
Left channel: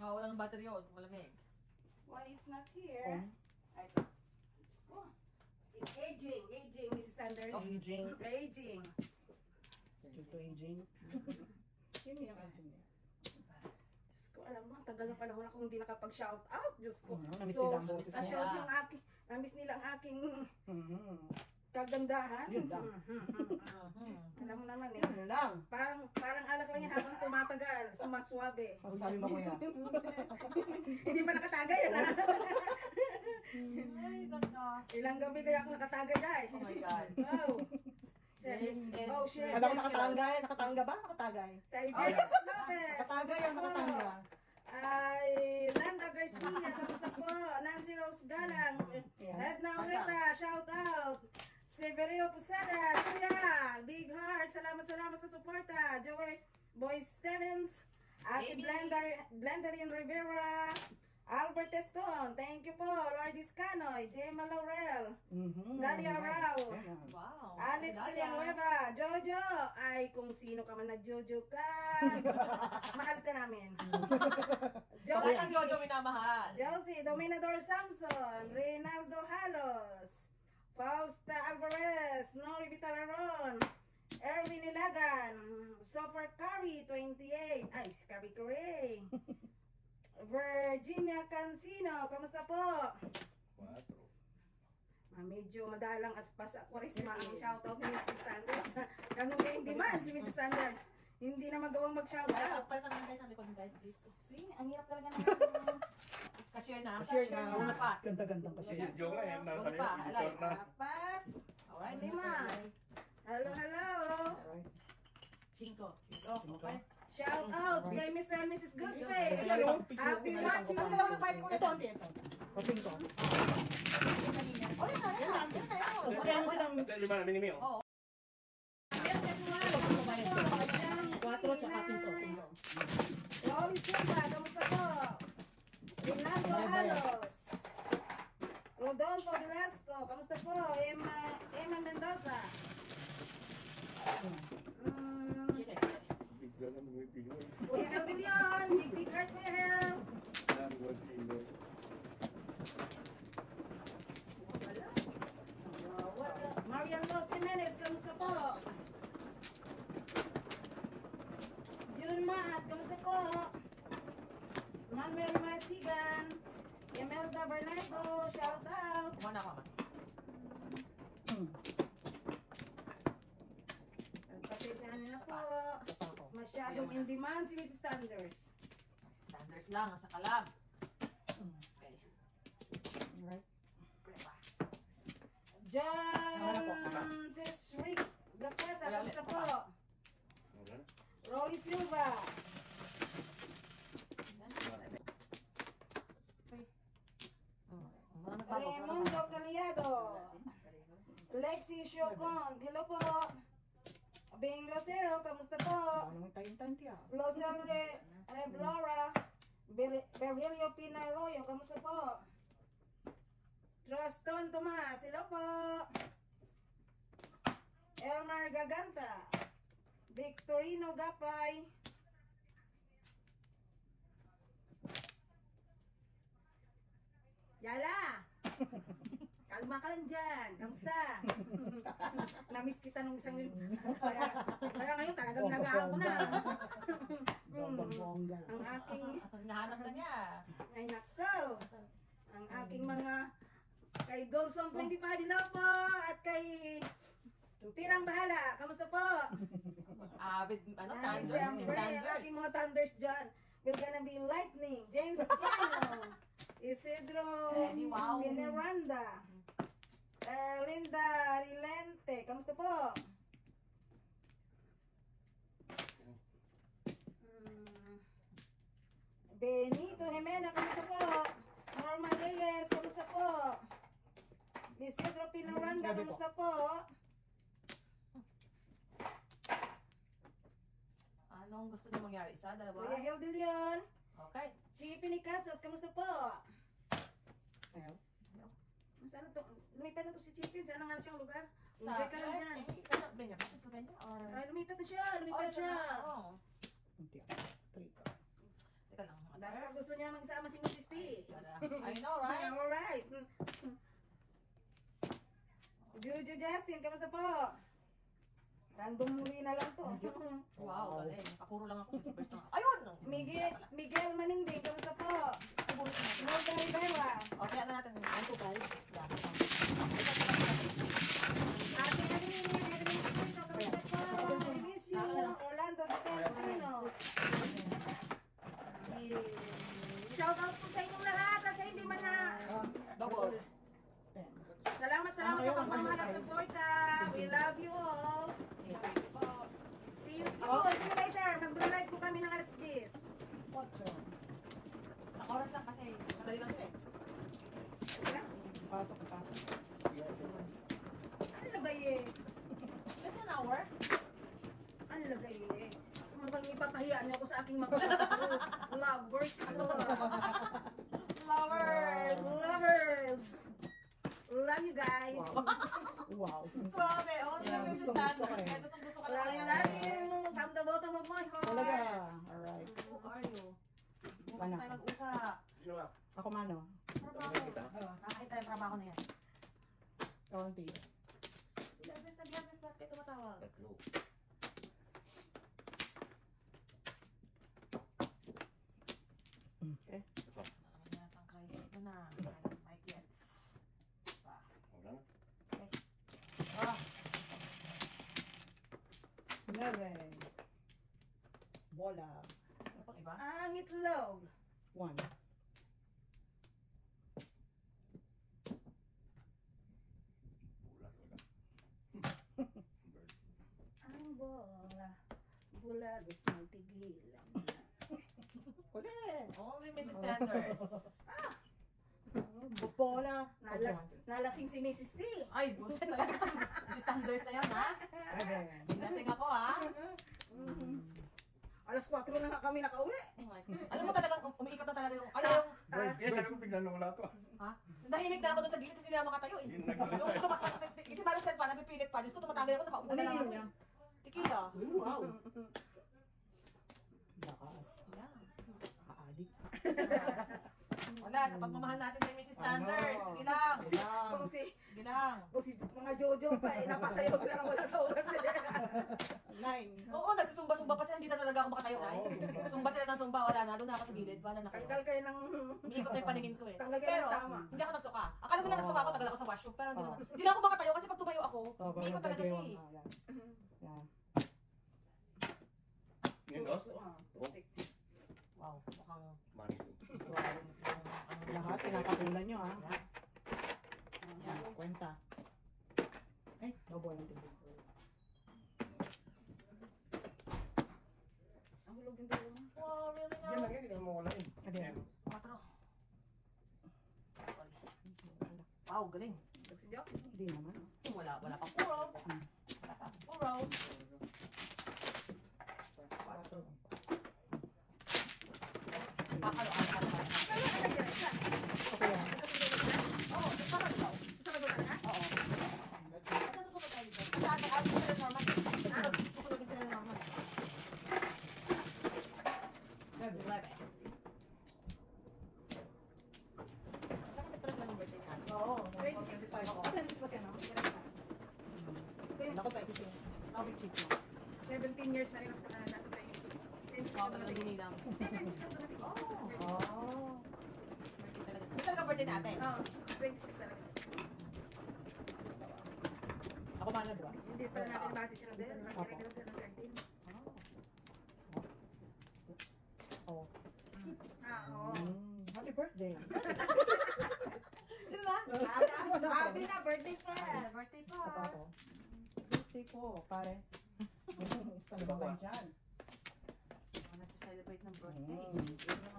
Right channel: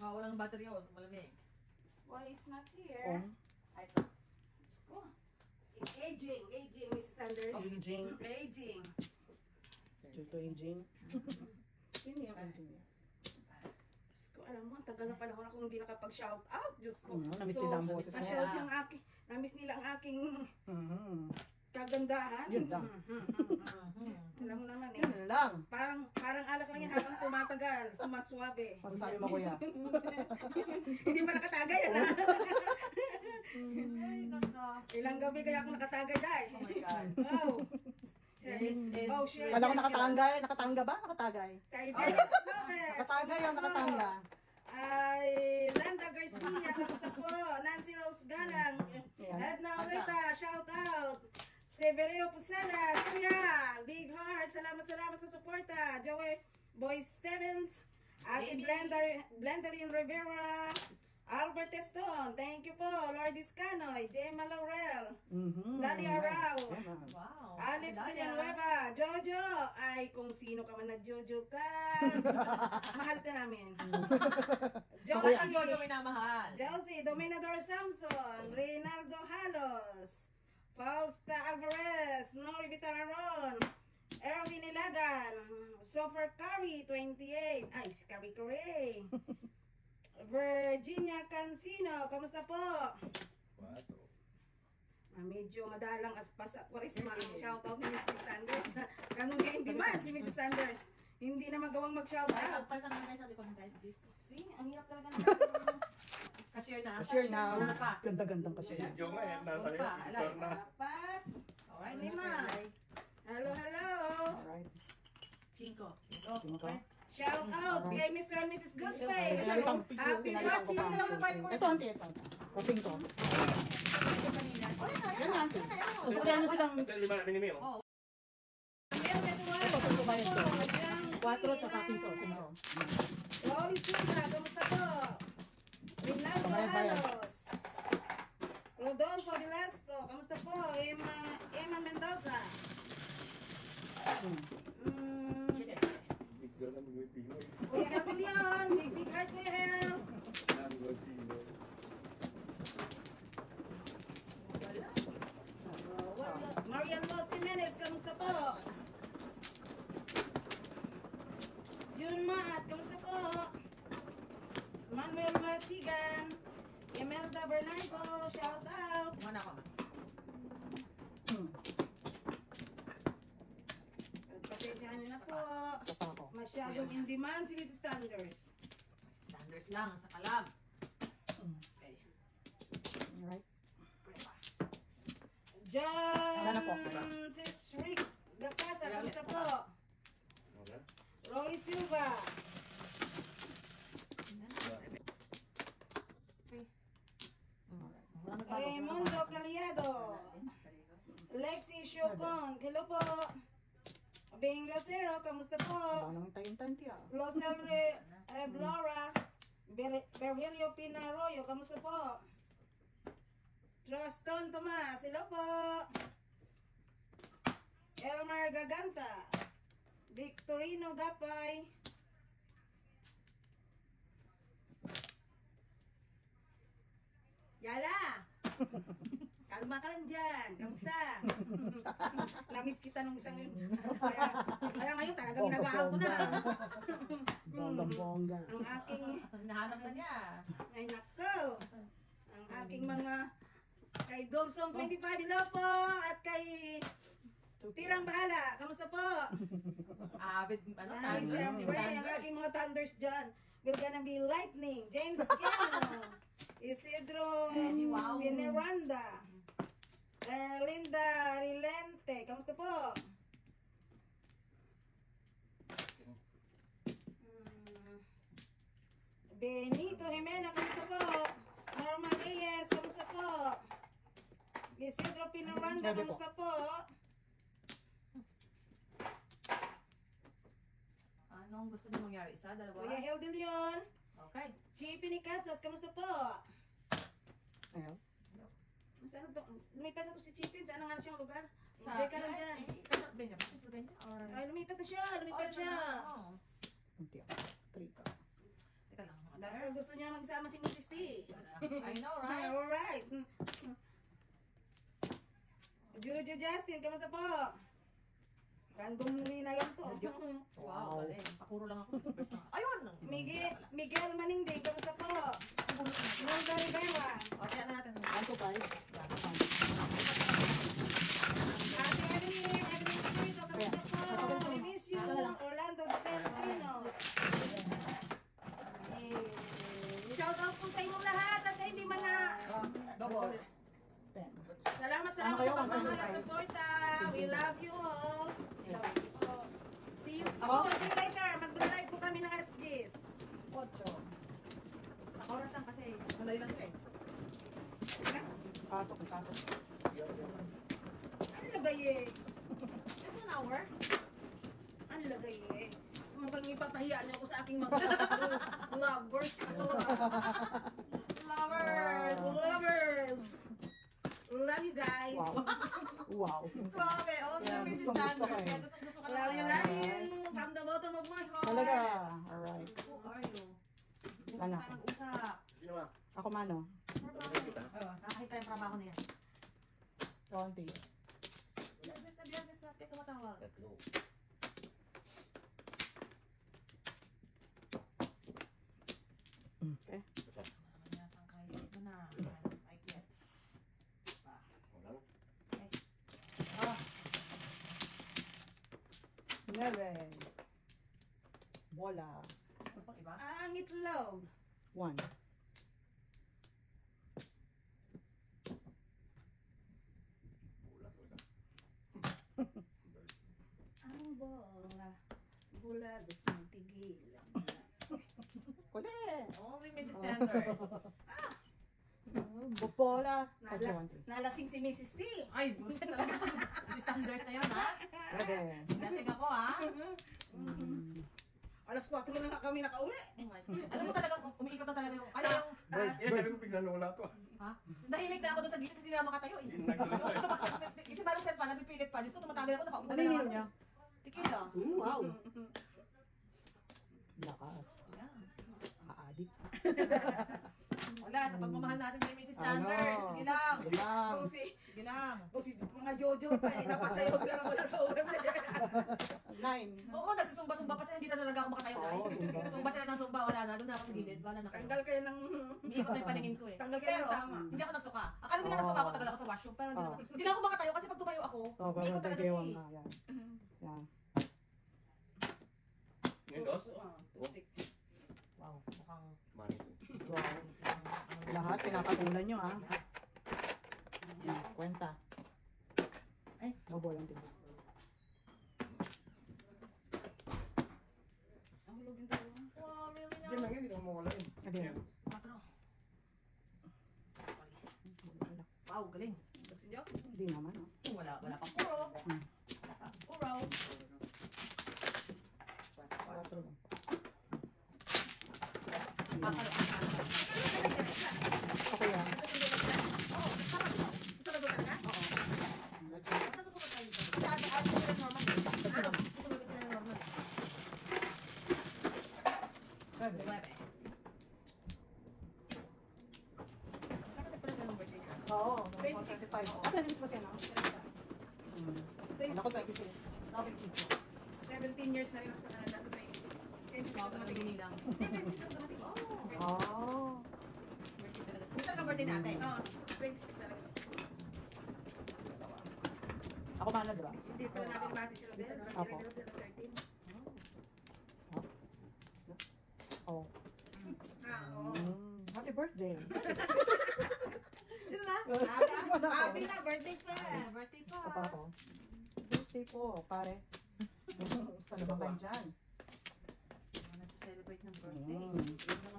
Walang battery yun. Malamig. Why it's not here? Pong? Ay, let's go. Aging, Mrs. Sanders. Aging. Aging. Ito aging. Sino yung aging? Diyos ko, alam mo, ang tagal na panahon akong hindi nakapag-shout out. Diyos ko. Namiss nila ang boses na-shout niya. yung aking, namiss nila ang aking Mhm. kagandahan. Yun lang. Alam mo naman eh. Yun lang. Parang alak lang yan habang tumatagal, sumaswabe. Masasabi mo kuya. Hindi pa nakatagay yan ha. Ay, naka. Ilang gabi kaya ako nakatagay dahil. Oh my God. Oh. Yes. Oh shit. Alam ko nakatangay. Nakatangga ba? Nakatagay. Kay Dennis Lopez. Nakatagay ang nakatangga. Ay, Landa Garcia, kamusta po? Nancy Rose Galang, Edna Rita, shout out. Severino Pusada, Kuya, Big Heart, salamat sa suporta. Joey Boy Stevens, Ate Blenderin Rivera, Albert Eston, thank you po. Lourdes Canoy, Gemma Laurel, Nadia Rao, Wow. Alex Villanueva, Jojo, ay kung sino ka man na Jojo ka, mahal ka namin. Josie ang Jojo minamahal. Josie, Dominador Samson, Reynaldo Halos, Fausta Alvarez, Nori Vitalaron, Erwin Ilagan, Sofer Curry, 28, ay si Curry Curry. Virginia Cancino, kamusta po? Medyo madalang at pasa kwarisma ang shoutout ni Mrs. Sanders. Ganun nga hindi man si Mrs. Sanders. Hindi na magawang mag-shoutout. Palitan lang tayo sa likod ng tayo. See, ang hirap talaga ng Cashier na. Cashier na. Ano pa? Ganda-gandang cashier. Video nga yan, nasa editor na. apat, Alright. lima. Hello. Alright. 5. Okay. Shout out kay Mr. and Mrs. Goodface. Happy watching. Ito, ante, ito. Kasing to. Yan lang. Yan mo silang Ito yung lima namin ni Mio. ito ba ito? 4 tsaka piso. Sino? Loli Silva, kamusta po? Rinaldo Halos. Rodolfo Velasco, kamusta po? Emma Mendoza. Bigla na mag-video. Kuya Habilion, Big Heart Kuya Hel. Marian Los Jimenez, kamusta po? June Maat, kamusta po? Manuel Masigan, Imelda Bernardo, shout out. Kumana ka ma. Pasensyahan niyo na po. Ito ako. Masyadong in demand si Mrs. Sanders. Standards lang sa kalam. Okay. Alright. John Sis Rick Gapasa, kamusta po? Roy Silva. Raimundo Caliado. Lexi Siocon, hello po. Bing Rosero, kamusta po? Wala namang tayong tiya. Losel Reblora. Virgilio Pinaroyo, kamusta po? Troston Tomas, hello po. Elmar Gaganta. Victorino Gapay. Yala! Kalma ka lang dyan. Kamusta? Namiss kita nung isang yun. Kaya ngayon talagang ginagawa ko na. Bongga. Ang aking, Nahanap na niya. ay nako. Ang aking mga kay Dolsong 25 hello po. At kay Tirang Bahala. Kamusta po? Ano Ay, siyempre, ang aking mga thunders dyan. We're gonna be lightning. James Piano. Isidro Pineranda. Erlinda Rilente. Kamusta po? Benito Jimena. Kamusta po? Norma Reyes. Kamusta po? Isidro Pineranda. Kamusta po? gusto niyo mangyari? Isa, dalawa? Kuya Heldin yun. Okay. Chippy ni Casos, kamusta po? Ayan. Saan to? Lumipat na to si Chippy. Saan nga na siyang lugar? Sa Enjoy ka lang dyan. Ay, lumipat na siya. Lumipat siya. Hindi ako. 3. Teka lang. Baka gusto niya namang isama si Mrs. T. I know, right? Alright. Jojo Justin, kamusta po? Random muli na lang to. Wow, galing. Kapuro lang ako. Ayun! No. Miguel Maningding, kamusta po? Nolda Rivera. Okay, ano natin? 1 to 5. Ate Evelyn Espirito, kamusta po? We miss you. Orlando De Celestino. Shout out po sa inyong lahat at sa hindi man na. Double. 10. Salamat sa pagmamahal at suporta. We love you all. See you later. Mag-live po kami ng alas 10. 8. Sa oras lang kasi. Madali lang siya eh. Pasok. Ano lagay eh? Less than an hour? Ano lagay eh? Mukhang ipapahiya niyo ako sa aking mga lovers. Lovers! Love you guys! Wow. Sumabe. Oh, Yeah, yung busy gusto standard. ko eh. Gusto ka Love lang. you, love you! From the bottom of my heart! Talaga. Alright. Who are you? Bukas Sana. tayo mag-usap. Sino ba? Ako mano. Nakakita yung trabaho niya. Kaunti. Bias na. Kaya tumatawag. Okay. Ano yata ang crisis mo na? Like yet. Ah, 11. Bola. ano pang iba? Ang itlog! 1. Ang bola. Bola, gusto mong tigilan. Uli. Only Mrs. Tenders. Bola. Nalasing si Mrs. T. Ay, bullshit talaga. Mrs. Tenders na yun, ha? 11. Lasing ako, ha? Alas 4 na nga kami nakauwi. Alam mo talaga, umiikot na talaga yung... Ano yung... Eh, sabi ko bigla nawala to. Ha? Nahimik na ako doon sa gilid kasi hindi na makatayo, eh. Hindi nagsalita. Kasi balas pa, napipilit pa. Diyos ko, tumatagal ako, nakaupo Ano na lang yun ako. niya? Tequila. Wow. Lakas. Yan. Aadik. Wala, sa pagmamahal natin kay Mrs. Tenders. Ano? Sige lang. Lang. Sige lang. Mga Jojo pa eh. Napasayaw sila na wala sa oras eh. 9. Oo, nagsusumba-sumba pa sila. Hindi na talaga ako makatayo. Oo, sumba. Sumba sila ng sumba. Wala na. Doon na ako sa gilid. Wala na kayo. Tanggal kayo ng... Umiikot na yung paningin ko, eh. Tanggal kayo Pero, ng tama. hindi ako nagsuka. Akala nila nagsuka ako, tagal ako sa washroom. Pero hindi Oo. naman. Hindi na ako makatayo kasi pag tumayo ako, umiikot talaga siya, eh. Yan. Ngayon, dos? Wow, mukhang... Mani. Lahat pinapatulan nyo ha. Yan. Kwenta. Ay. No ball din. Ang hulog yung dalawa. Wow, really Yan now? lang yun, hindi naman mawala yun. Ano yan? 4. Wow, galing. Nagsindiyo? Hindi naman. Wala pang puro. Wala pang puro. 4. Akalo. Okay yan. Oo, parang ito. Gusto na doon na? Oo. Susunod tayo dito. Susunod sila normal. Susunod sila normal. Good, diba? Kapit pala sa number niya. Oo. 26. 25. Ah, 26 ba siya, no? Ako 26. Ako 26. 17 years na rin ako sa kanila sa 26. Wow, talaga ginilang. Oh. May talaga birthday natin. Oo, 26 na rin. Ako mahal, diba? Hindi pa natin bati sila din. Opo. Birthday ng 13. Oh. Oo. Happy birthday. Diba? Happy na, birthday pa. Birthday pa. Sa pa ako. Birthday ko, pare. Saan ba kayo dyan? Nagsa-celebrate ng birthday.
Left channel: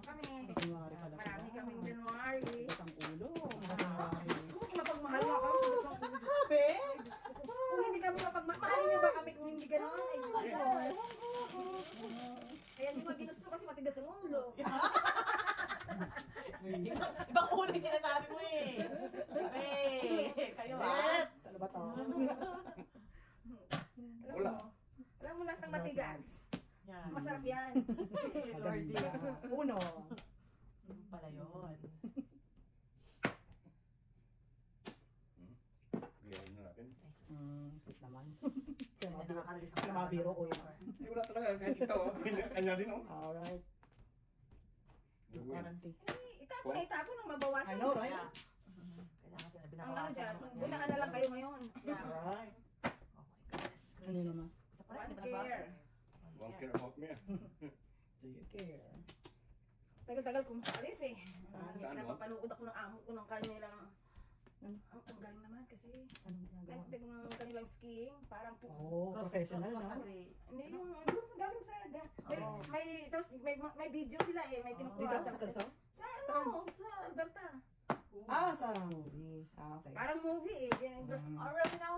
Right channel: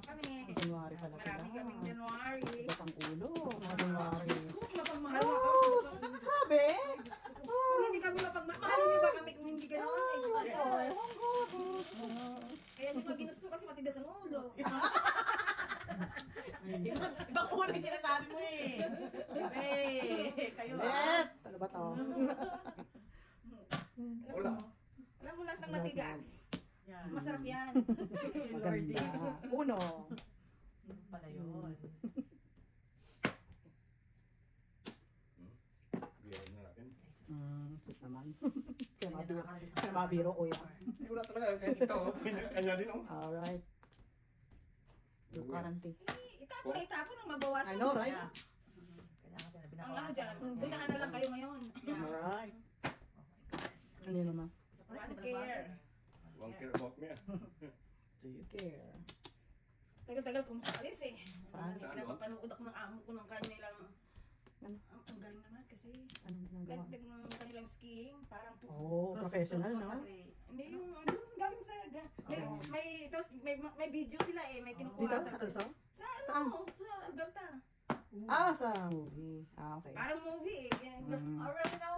Kami. January pala sila. Marami kaming January. Bigat ang ulo. January. Kung mapagmahal mo ako. Sabi? Kung hindi kami mapagmahal, mahalin niyo ba kami kung hindi ganoon? Ay, Diyos ko. hindi ko ginusto kasi matigas ang ulo. Ibang ulo yung sinasabi mo eh. Kayo Net! Ano ba to? Wala. Alam mo lasang matigas. Yan. Masarap yan. Lordy. Maganda. Uno. Pala yun. Biyahin na natin. Sus naman. Kaya Kaya mabiro ko yan. Hindi ko na talaga. Kahit ito, kanya din oh. Alright. Dukananti. Itapon na itapon ang mabawasan. I know, right? Kailangan sila Ang ano binabawasan. dyan, bulaan na lang kayo ngayon. Alright. Oh my goodness. Hindi naman. Isa pala, One hindi pa nagbago. care. One care about me. Do you care? Tagal-tagal kong paris eh. Paano? Napapanood ako ng amo ko ng kanilang... Ano? Ang galing naman kasi. Anong ginagawa? Ng kanilang skiing, parang Oh, professional, no? Hindi yung galing sa may video sila eh, may kinukuha. Dito? Sa Kalso? Sa ano? Sa Alberta. Sa movie. Okay. Parang movie eh. Mm. Original.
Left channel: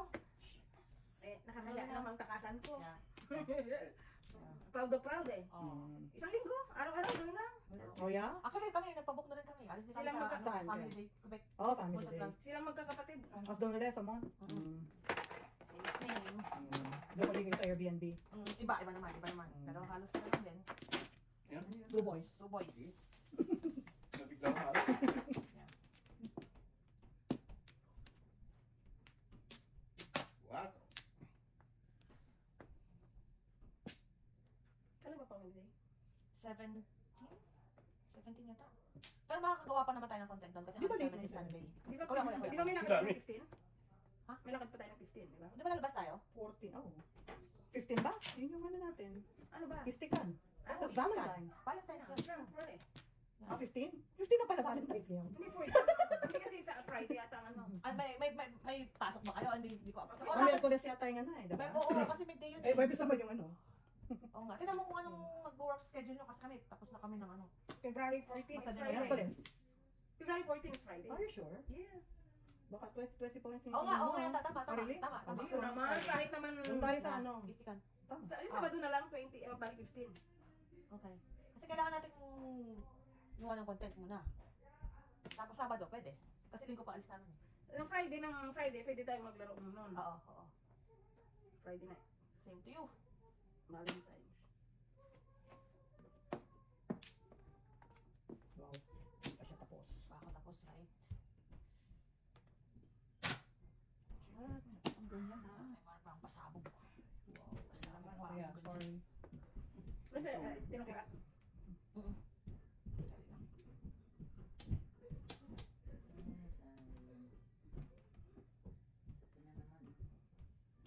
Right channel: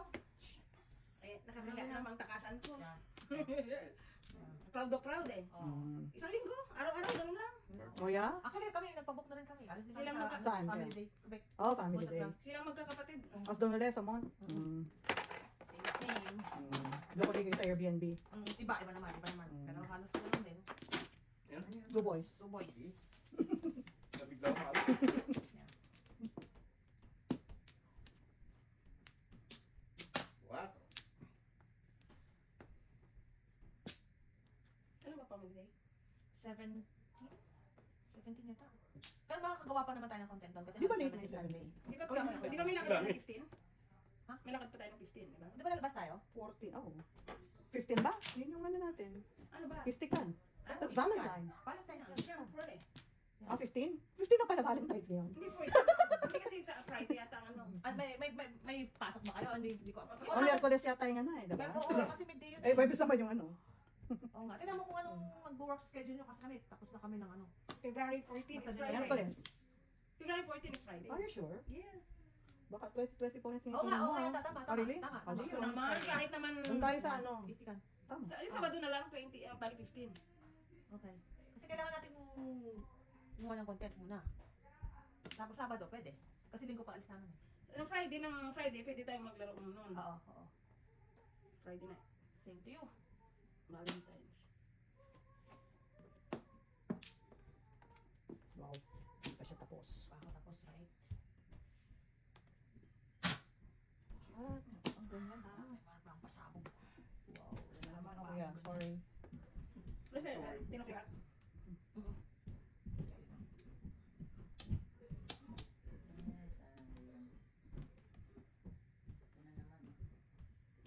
Eh, nakakaya namang takasan ko. Yeah. Proud na proud eh. Mm. Isang linggo, araw-araw, ganun lang. Oh, yeah? Actually, kami, nagpabook na rin kami. Alis din Sila kami magka- sa Saan family kayo? day. Quebec. Oh, family day. Silang magkakapatid. As doon ulit sa Mon? Same. Doon ulit kayo sa Airbnb. Iba naman. Pero halos na lang din. Two boys. Two boys. Nabigla ko. What? Ano ba family day? 17 yata. Pero makakagawa pa naman tayo ng content doon kasi Di ba next date is night Sunday. Di ba, Kuya. di ba may lakad tayo ng 15? Ha? May lakad pa tayo ng 15, di ba? Di ba lalabas tayo? 14. Oh. 15 ba? Yun yung ano natin. Ano ba? Pistikan. Ano? That's Valentine's. Valentine's Day. Siyempre. 15? 15 na pala Valentine's ngayon. Hindi po. Hindi kasi sa Friday yata ang ano. At may pasok ba kayo? Hindi ko. O, Miyerkules yata yung ano eh, diba? Pero oo, kasi midday yun. Eh, Webes naman yung ano. Oo nga. Tingnan mo kung anong mag-work schedule nyo kasi kami. Tapos na kami ng ano. February 14 is Friday. Miyerkules. February 14 is Friday. Are you sure? Yeah. Baka 20 po na Oo nga, tama. Oh, really? Tama. Oh, Gusto naman, kahit naman... Doon tayo sa ano. Istikan. Tama. Sa, yung Sabado na lang, 20, bali 15. Okay. Kasi kailangan natin gawa ng content muna. Tapos Sabado, pwede. Kasi linggo pa alis namin. Ng Friday, pwede tayong maglaro noon. Oo. Friday night. Same to you. Valentine's. Wow. Hindi pa siya tapos. Baka tapos, right? Ang ganyan. May parang pasabog. Wow. Salamat. Yeah, sorry. Kasi, tinakla.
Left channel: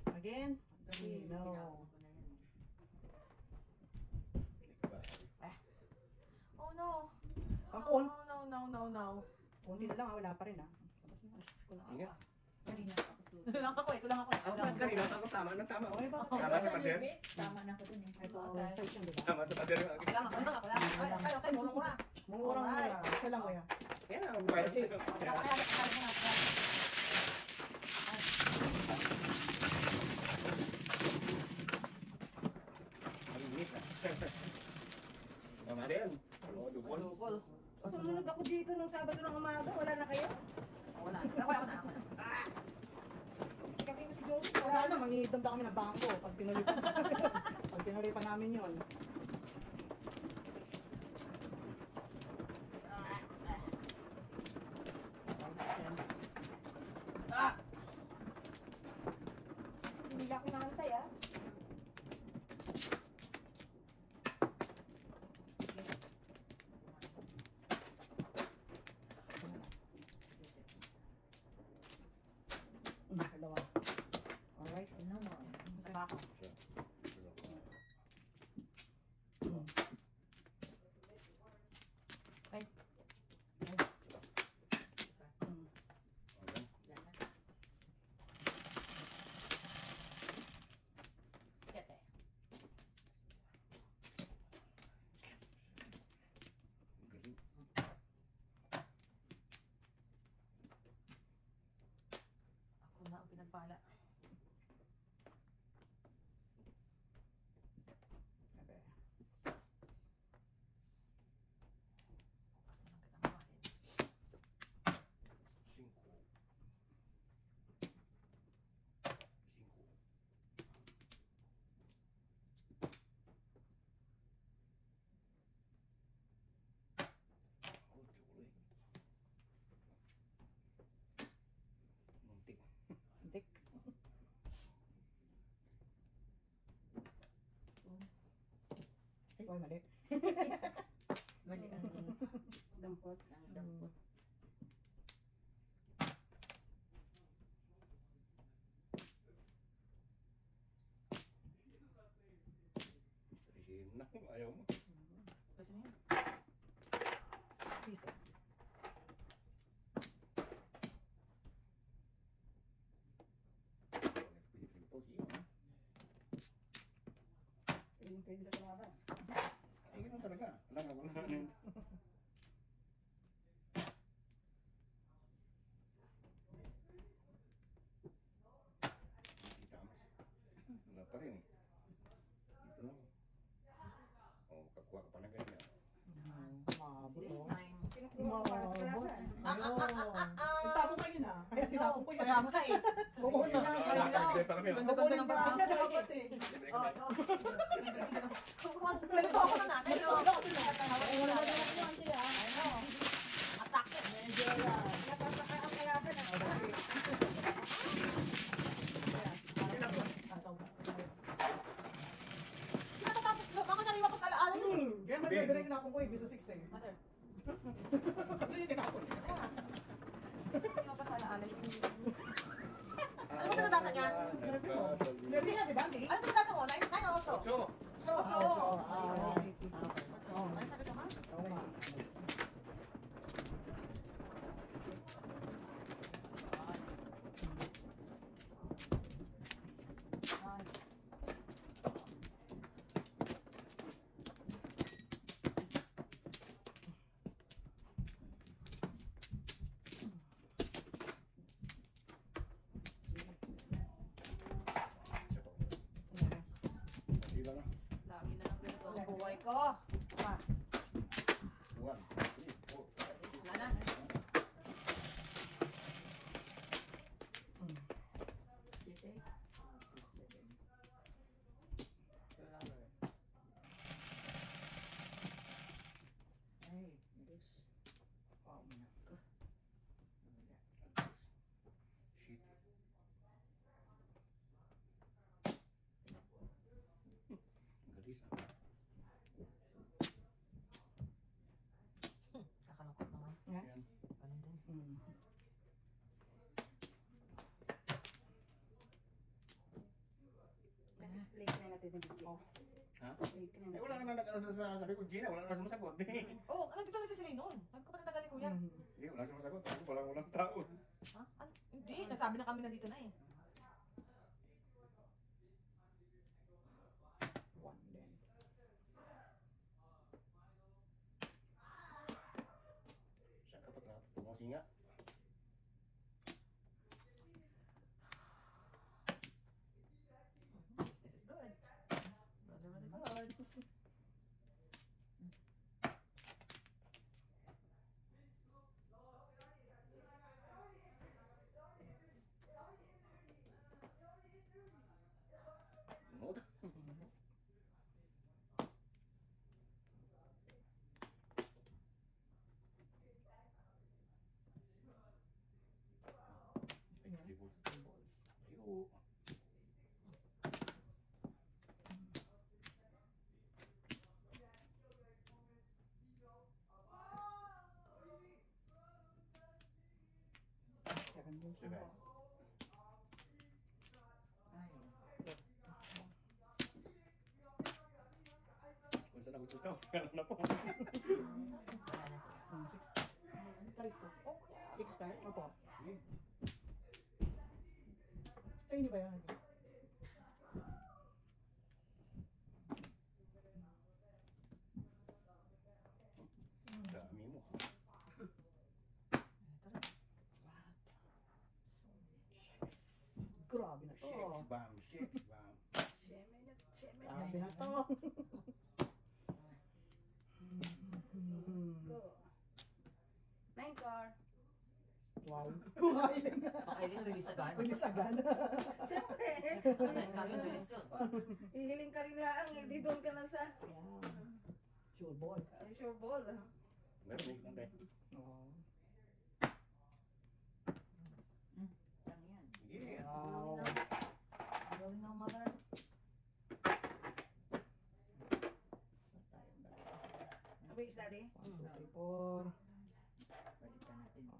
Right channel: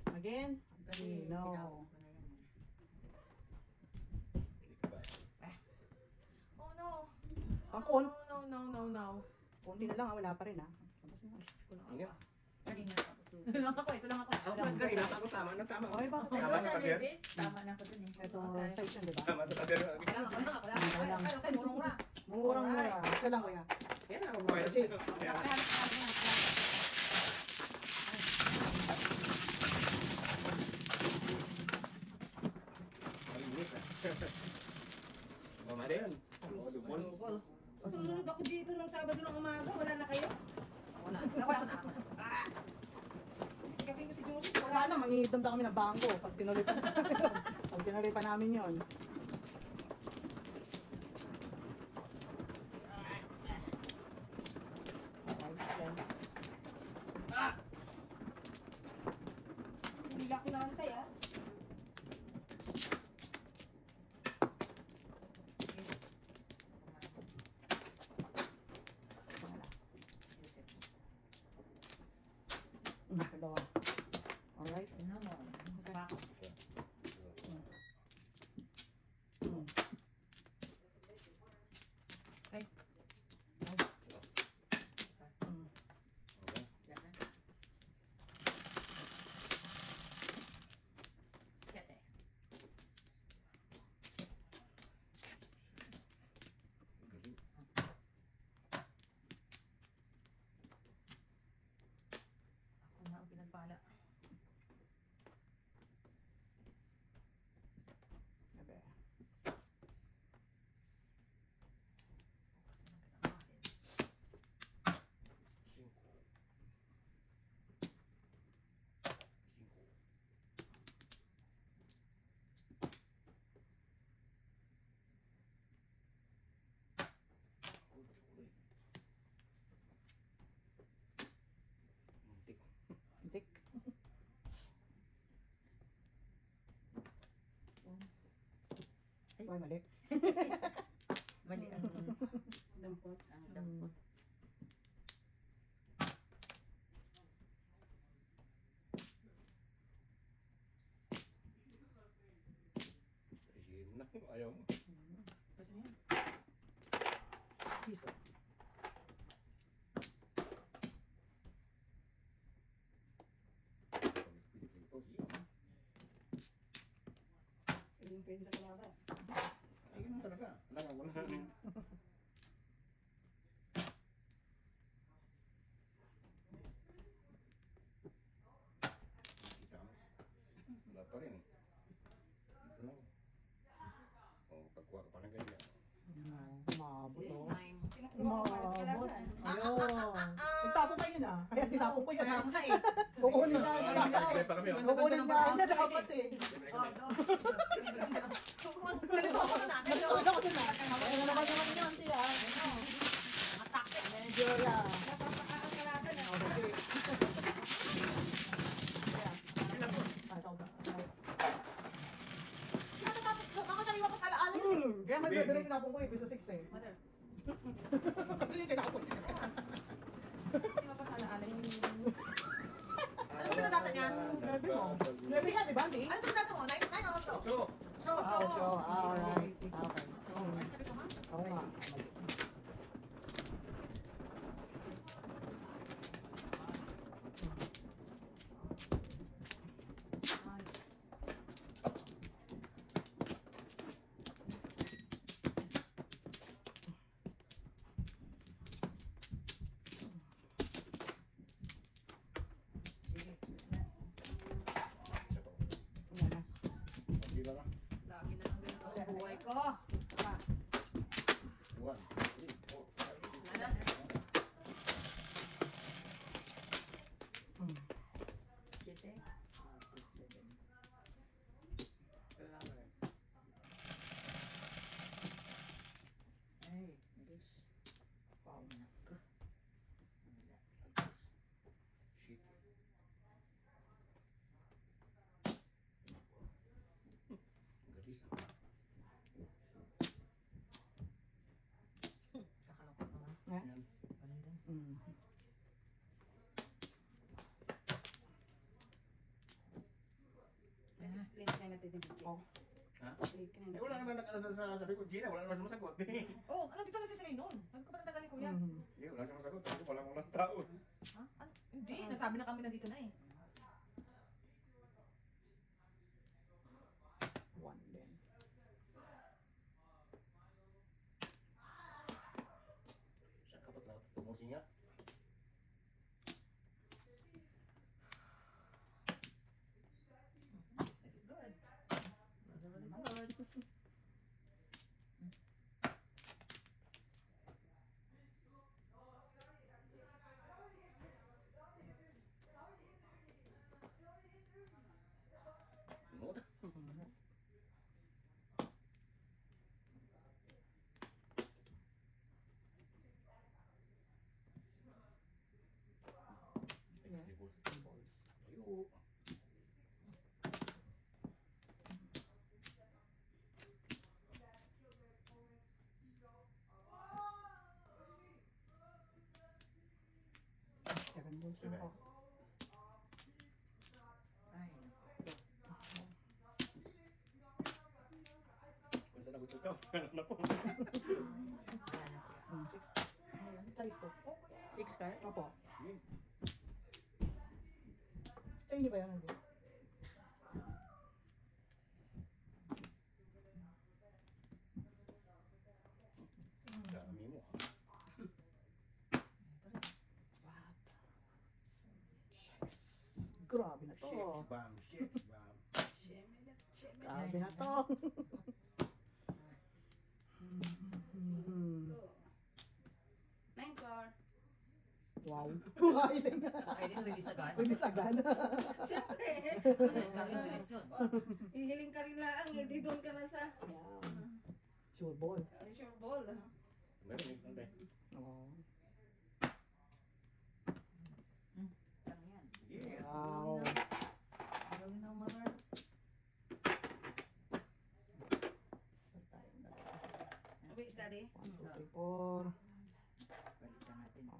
Again? No. Oh no. Ang No. konti na lang, wala pa rin ah. Ingat. Ito lang ako. Ako pa kanina, ako tama na tama. Okay ba? Tama sa pader. Tama na ko dun eh. Ito, Okay. size yan, diba? Tama sa pader. Okay, murong muna. Murang mura. Isa lang kuya. Yan ako bumayad. Malinis ah. Mama din. Oo, dupol. Sumunod ako dito ng Sabado ng umaga, wala na kayo? Wala na. Kapin ko si Josie, Wala na, mangingitom na kami ng bangko. Pag tinuloy pa namin yun. Hindi ako nakantay ah. Dalawa. Alright. Ano mo? Baka. Ay, mali. Mali ang Dampot. dampot. Sige na, ayaw mo. Tapos na yan. Piso. Yung pwede sa kalaban. Ay, ganun talaga. Wala na. Wala pa rin. Dito lang. Oh, pagkuha ka pa ng ganyan. Wow. This time. Kinukuha ko para sa kalaban. Ayun. Nagtago kayo na. Kaya tinapon ko yan. Kaya nga eh. Kukunin na. Libre pa kami. Kukunin na. Kaya dapat eh. Libre Oh, kami. no. Ganito ako na. Ganito ako na. Ayun naman yung yan, tiya. Atake. Nigeria. Napapaka ang kalaban ah. Nakatapos ko. Ako sariwa ko sa alaala mo. Kaya nagdadala yung tinapon ko eh. Bisa 6 eh. Mother. Sige, tinapon. Sariwa ko sa alaala mo. Ano tinatasan niya? Maybe nga, diba, Andi? Ano tinatasan mo? 9 o 8? Ocho. So, Ah, so, okay. Ano sabi ko, ma? Oo nga. Nice. Di ba ka? Lagi na lang ganito ang buhay ko. One, three, four, five, six, Ano? Ay, English. Wow. shit. Galis ah. Kakalungkot naman. Yan. Ganun din. Mm. Link na natin yung video. Ha? Link na Eh, wala naman nag-ano sa sabi ko, Gina, wala naman sumasagot. Oh, ano dito na si Celine noon? Sabi ko pa ng tagalin ko yan. Mm. Hindi, wala sumasagot. Sabi ko, walang tao. Ha? Ano? Hindi, nasabi na kami nandito na eh. One din. Siya ka pa talaga tumusin nga. This is good. Really, really good. Nod. Ayo. Seven balls Seven. na ako. Ay. Basta na gusto ito. Ano na po? Six. Taris ko. Oh, kuya. 6 ka? Opo. Ay, hindi ba yan? Dami mo. Grabe na to. Shakes, bam, shakes, bam. Grabe na to. Mm. Go. 9 car. Wow. Kukain nga. Baka din release agad. Bilis agad. Siyempre. Ano kami release yun. Hihiling ka rin lang. Hindi doon ka na sa Ayan. Sure ball. sure ball. Meron isang tayo. Oo. Ano yan? Yeah. Wow. Galing ng mother. Daddy. 1, 2, 3, 4.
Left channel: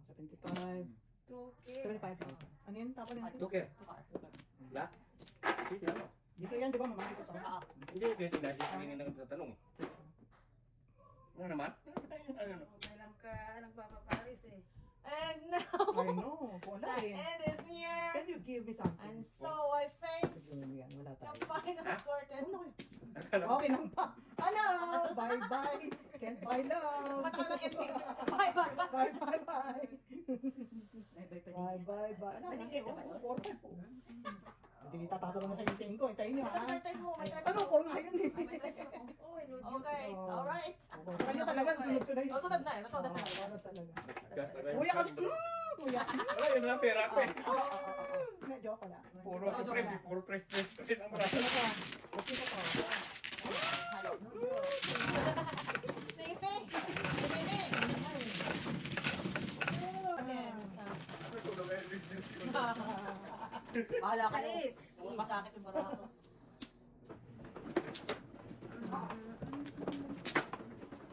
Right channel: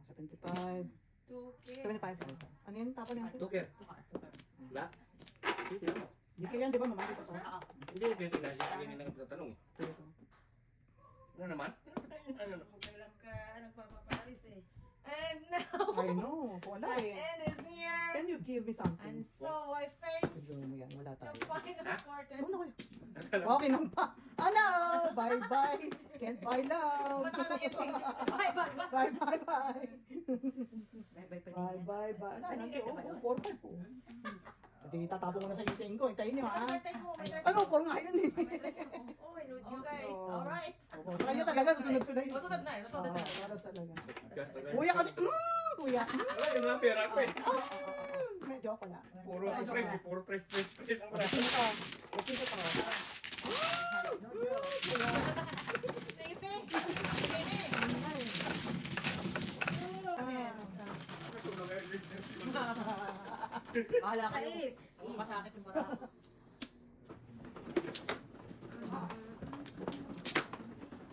75. 2K. 75. Ano yan? Tapon yan. Tuker. Ba? Hindi ano. Di kayo yan, di ba? Mamagi ko sa. Hindi, pwede na siya hindi na nagtatanong. Ano naman? Ano na? Kailan ka nagpapaparis eh. And I know. Wala the eh. end is near. Can you give me something? And so I face Siguro mo yan. Wala the tayo. final curtain. Ano kayo? Okay lang pa. Ano? Bye-bye. Can't buy love. Ba't ka nang ending? Bye, bye, bye. Bye-bye-bye. Bye-bye-bye. Ano? Paningin ka ba? 4-5 po. Hindi, tatapon ko na sa ising ko. Hintayin niyo ha. May time mo, may time Ano? mo. 4 nga yan eh. Okay, alright. Sa kanya talaga, susunod ko na yun. Tutulad na eh, tutulad na. Oras talaga. Gas na rin. Kuya kasi, kuya. Wala, yun lang pera ko eh. Medyo ako pala. Puro press, puro press ang marami. Ito pa. Ito pa. Bahala kayo. Sais. Masakit yung mata ko.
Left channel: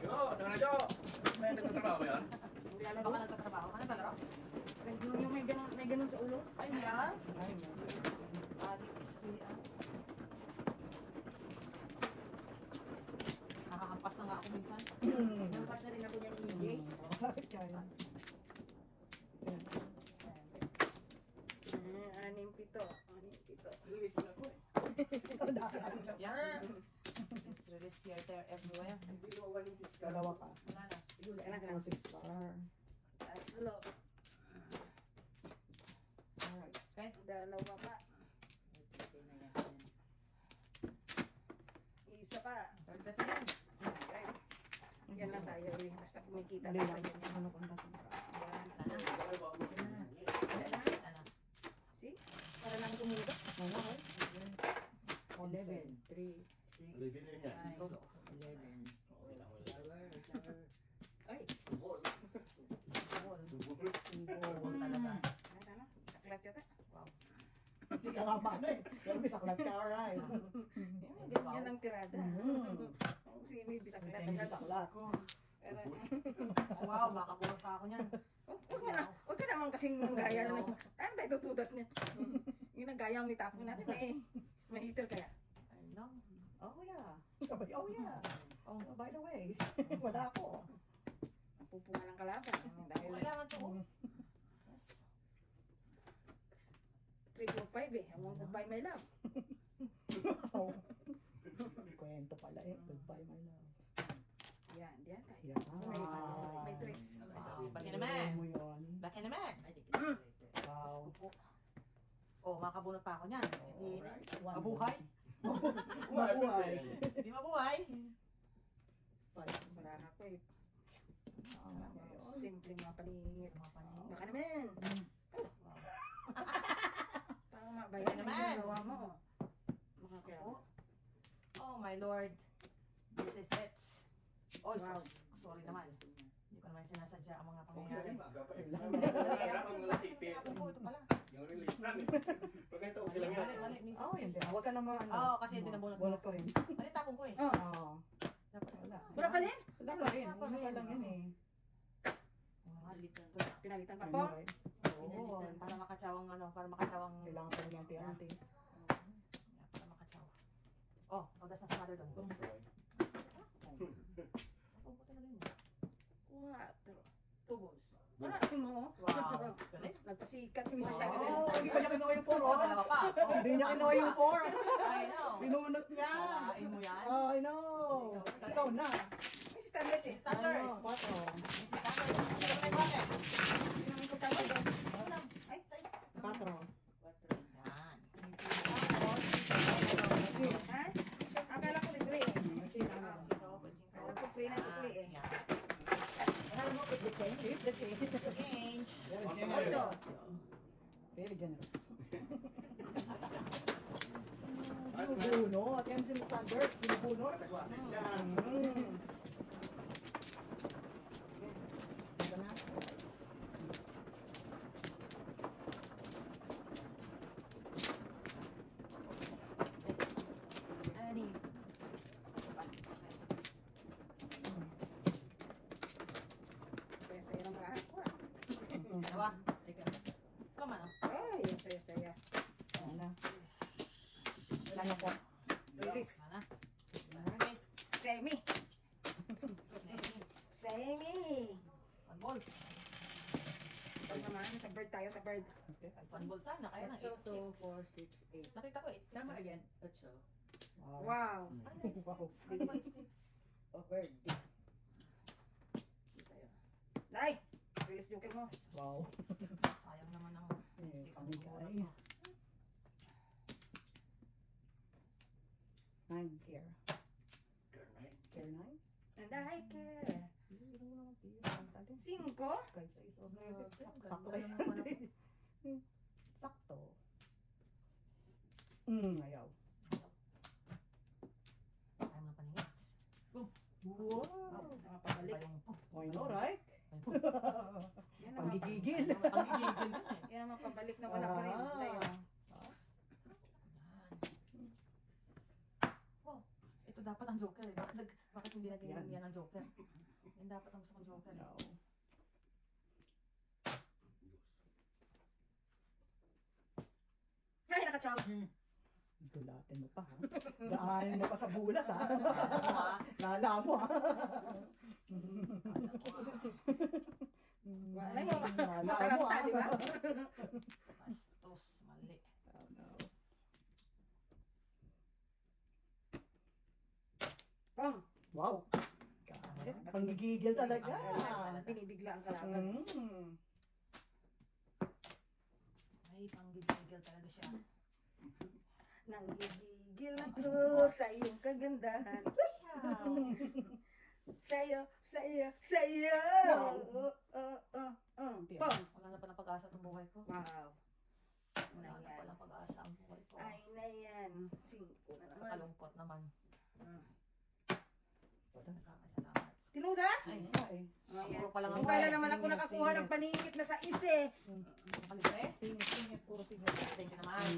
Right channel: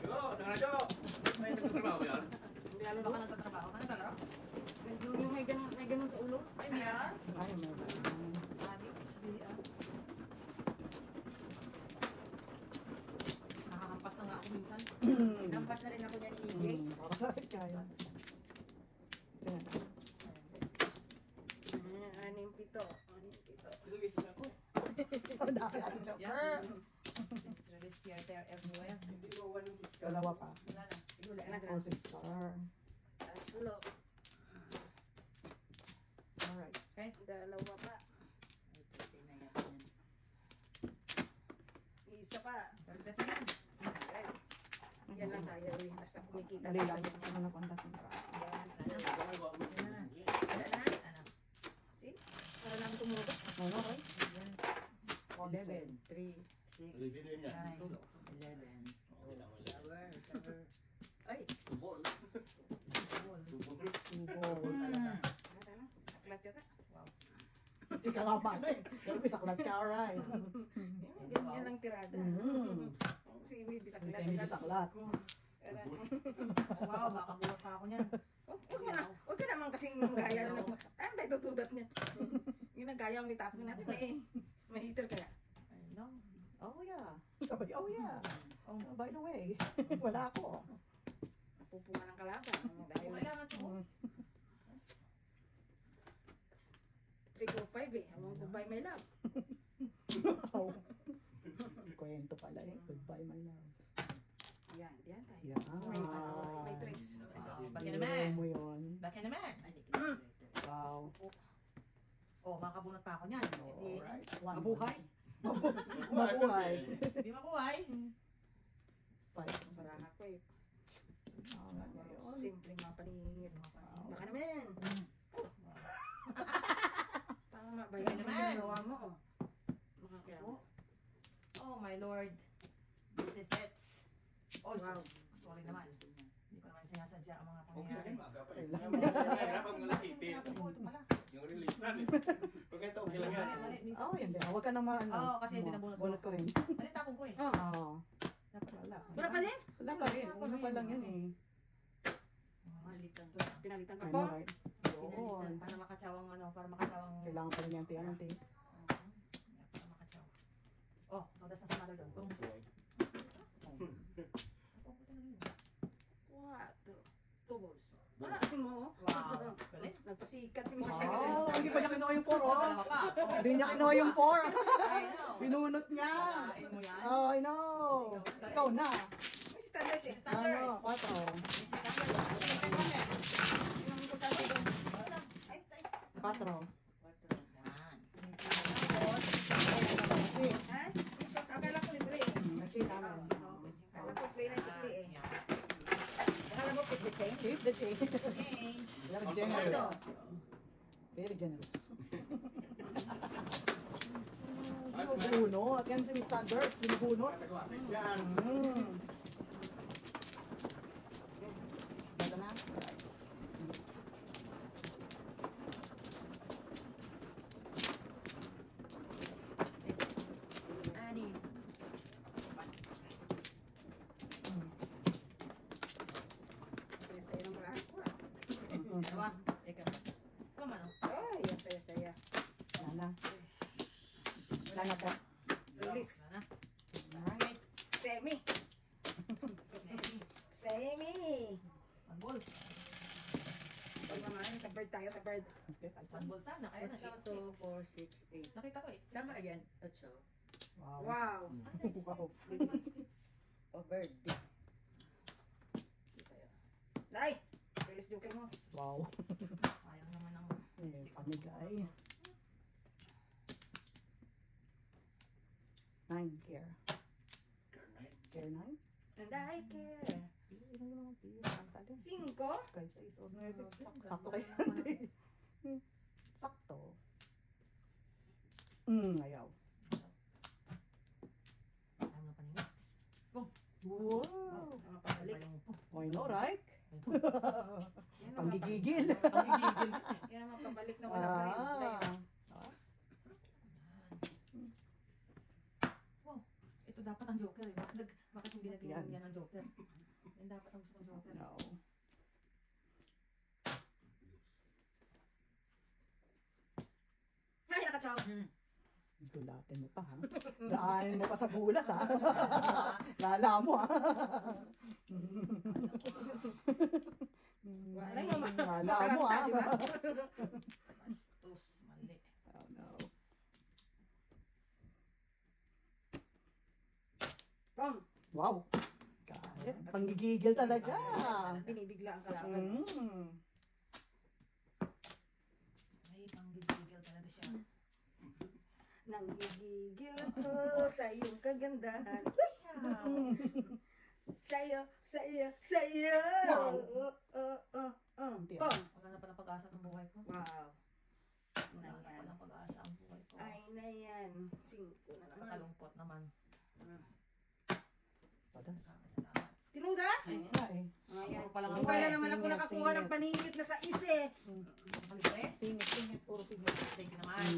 Yo, tanga na, Jo. May nagtatrabaho ba yan? Hindi alam baka nagtatrabaho ka. Nagtatrabaho? Yung may ganun sa ulo. Ay, niya? Ay, Adi, isbihan. Nakakampas na nga ako minsan. Nampas na rin ako dyan ni Jace. makasakit kaya. Yan. 6-7. 6-7. Lilis na ako eh. Yeah. It's really here, there, everywhere. Hindi ko one sis ka. Dalawa pa. Wala na. Wala na Oh, 6 star. Hello. Alright. Okay? Dalawa pa. Isa pa. Pagdas na yan. Okay. Yan lang tayo eh. Basta kumikita Dali lang. tayo. Ano na kontak mo? Yan. Ano? Wala na. Ano? See? Para lang tumugas. Ano ba? 11, 3, 6, Lilis na yan. 9, 11. Okay lang, wala. Tower. Ay, Tubol. Tubol. Tubol. Tubol talaga. Ano? Aklat yata. Hindi ka nga paano eh. Pero may saklat ka, alright. Ganyan ang tirada. Kasi may bisaklat. May saklat. Wow, makabulot pa ako niyan. Huwag ka naman kasing gaya na ano tayo tutudas niya? Yung nagaya ang nitapin natin may heater kaya. I know. Oh yeah. Sabi, oh yeah. Oh, Oh, by the way, wala ako. Napupunga ng kalaban. Dahil kailangan ko. 345 eh. I want to buy my love. Oh. Kwento pala eh. Goodbye, my love. Yan, diyan tayo. Yeah. May tres. Baka naman. Mo yun. Baka naman. ay, di kita later. Wow. Oh, makabunot pa ako niyan. Hindi Alright. mabuhay. Mabuhay. Hindi mabuhay. 5. Sarahan ko eh. Oh, Simpleng mga paningit. Baka naman. Tama ba yan? Naman. Ang ginagawa mo. Makakupo. Oh my lord. This is it. Oh, Wow. sorry naman. Hindi ko naman sinasadya ang mga Okay pangyayari. lang, maga pa eh. Mahirap ang wala city. Ito pala. Yung release na. Pag ito, okay lang yan. Mali, mali, misis. Oh, hindi. Huwag ka naman ano. Oo, kasi hindi nabunot. Bunot ko rin. Mali, tapong ko eh. Oo. Dapat wala. Wala pa din? Wala pa rin. Ano pa lang yan eh. Palitan. Pinalitan ka Ano po? ba? Oo. Para makatsawang ano, para makatsawang... Kailangan pa rin yung tiyanti. Para makatsaw. Oh, todas na sa mother doon. Boom. Tubos. Wala mo. Wow. Galing. Nagpasikat si Mrs. Oh, hindi pa niya kinuha yung 4. Oh, dalawa pa. Oh, Hindi niya kinuha yung 4. I know. Binunot niya. Kalain mo yan. Oh, I know. Ikaw na. May standards eh. Ano? 4. 4. Ha? Akala ko libre eh. Kasi namin. Akala ko free na sikli eh. Alam mo, keep the change. Keep the change. Very generous. Very generous. Binubunot. Yan si standards. Binubunot. Yan. Ito na. Ani. na. Alright. Semi. Semi. One ball. Ito naman, sa bird tayo, sa bird. Okay. One ball sana. Kaya na 8, 2, 4, 6, 8. Nakita ko 8. Tama yan, 8. Wow. Wow. Wow. O bird. Day, release joker mo. Wow. Sayang naman ang Eh, pamigay. 9 care. Care 9? Day, care. Cinco. Kahit sa isa o 9. Sakto Sakto kayo. Sakto. Ayaw. Ayaw na paningit. Wow. Mga pabalik. Why no, right? Yan ang Panggigigil. Ang higigil yun eh. Yan ang mapabalik na wala pa rin. Day. Wow. Ito dapat ang joker eh. Bakit hindi naging Yan. yan ang joker? Yan dapat ang gusto ng joker. No. Ay, nakachaw. Gulatin mo pa ha. Daanin mo pa sa gulat ha. Lala mo ha. Wala nyo, Lala mo mataranta, ha. di ba? Bastos. Mali. Oh, no. Pong. Wow. Kahit panggigigil talaga. Binibigla ang kalaban. Ay, panggigil talaga siya. Nanggigigil ako sa iyong kagandahan. Sa'yo, sa'yo, sa'yo. Pong. Wala na palang pag-asa ng buhay ko. Wow. Wala na palang pag-asa ang buhay ko. Ay na yan. 5 na naman. Kakalungkot naman. Salamat. Tinudas? Ay, Ay. siguro palang Kung kailan naman ako nakakuha ng paningit na sa ise. Kalis eh. Singit, puro singit. Thank you naman.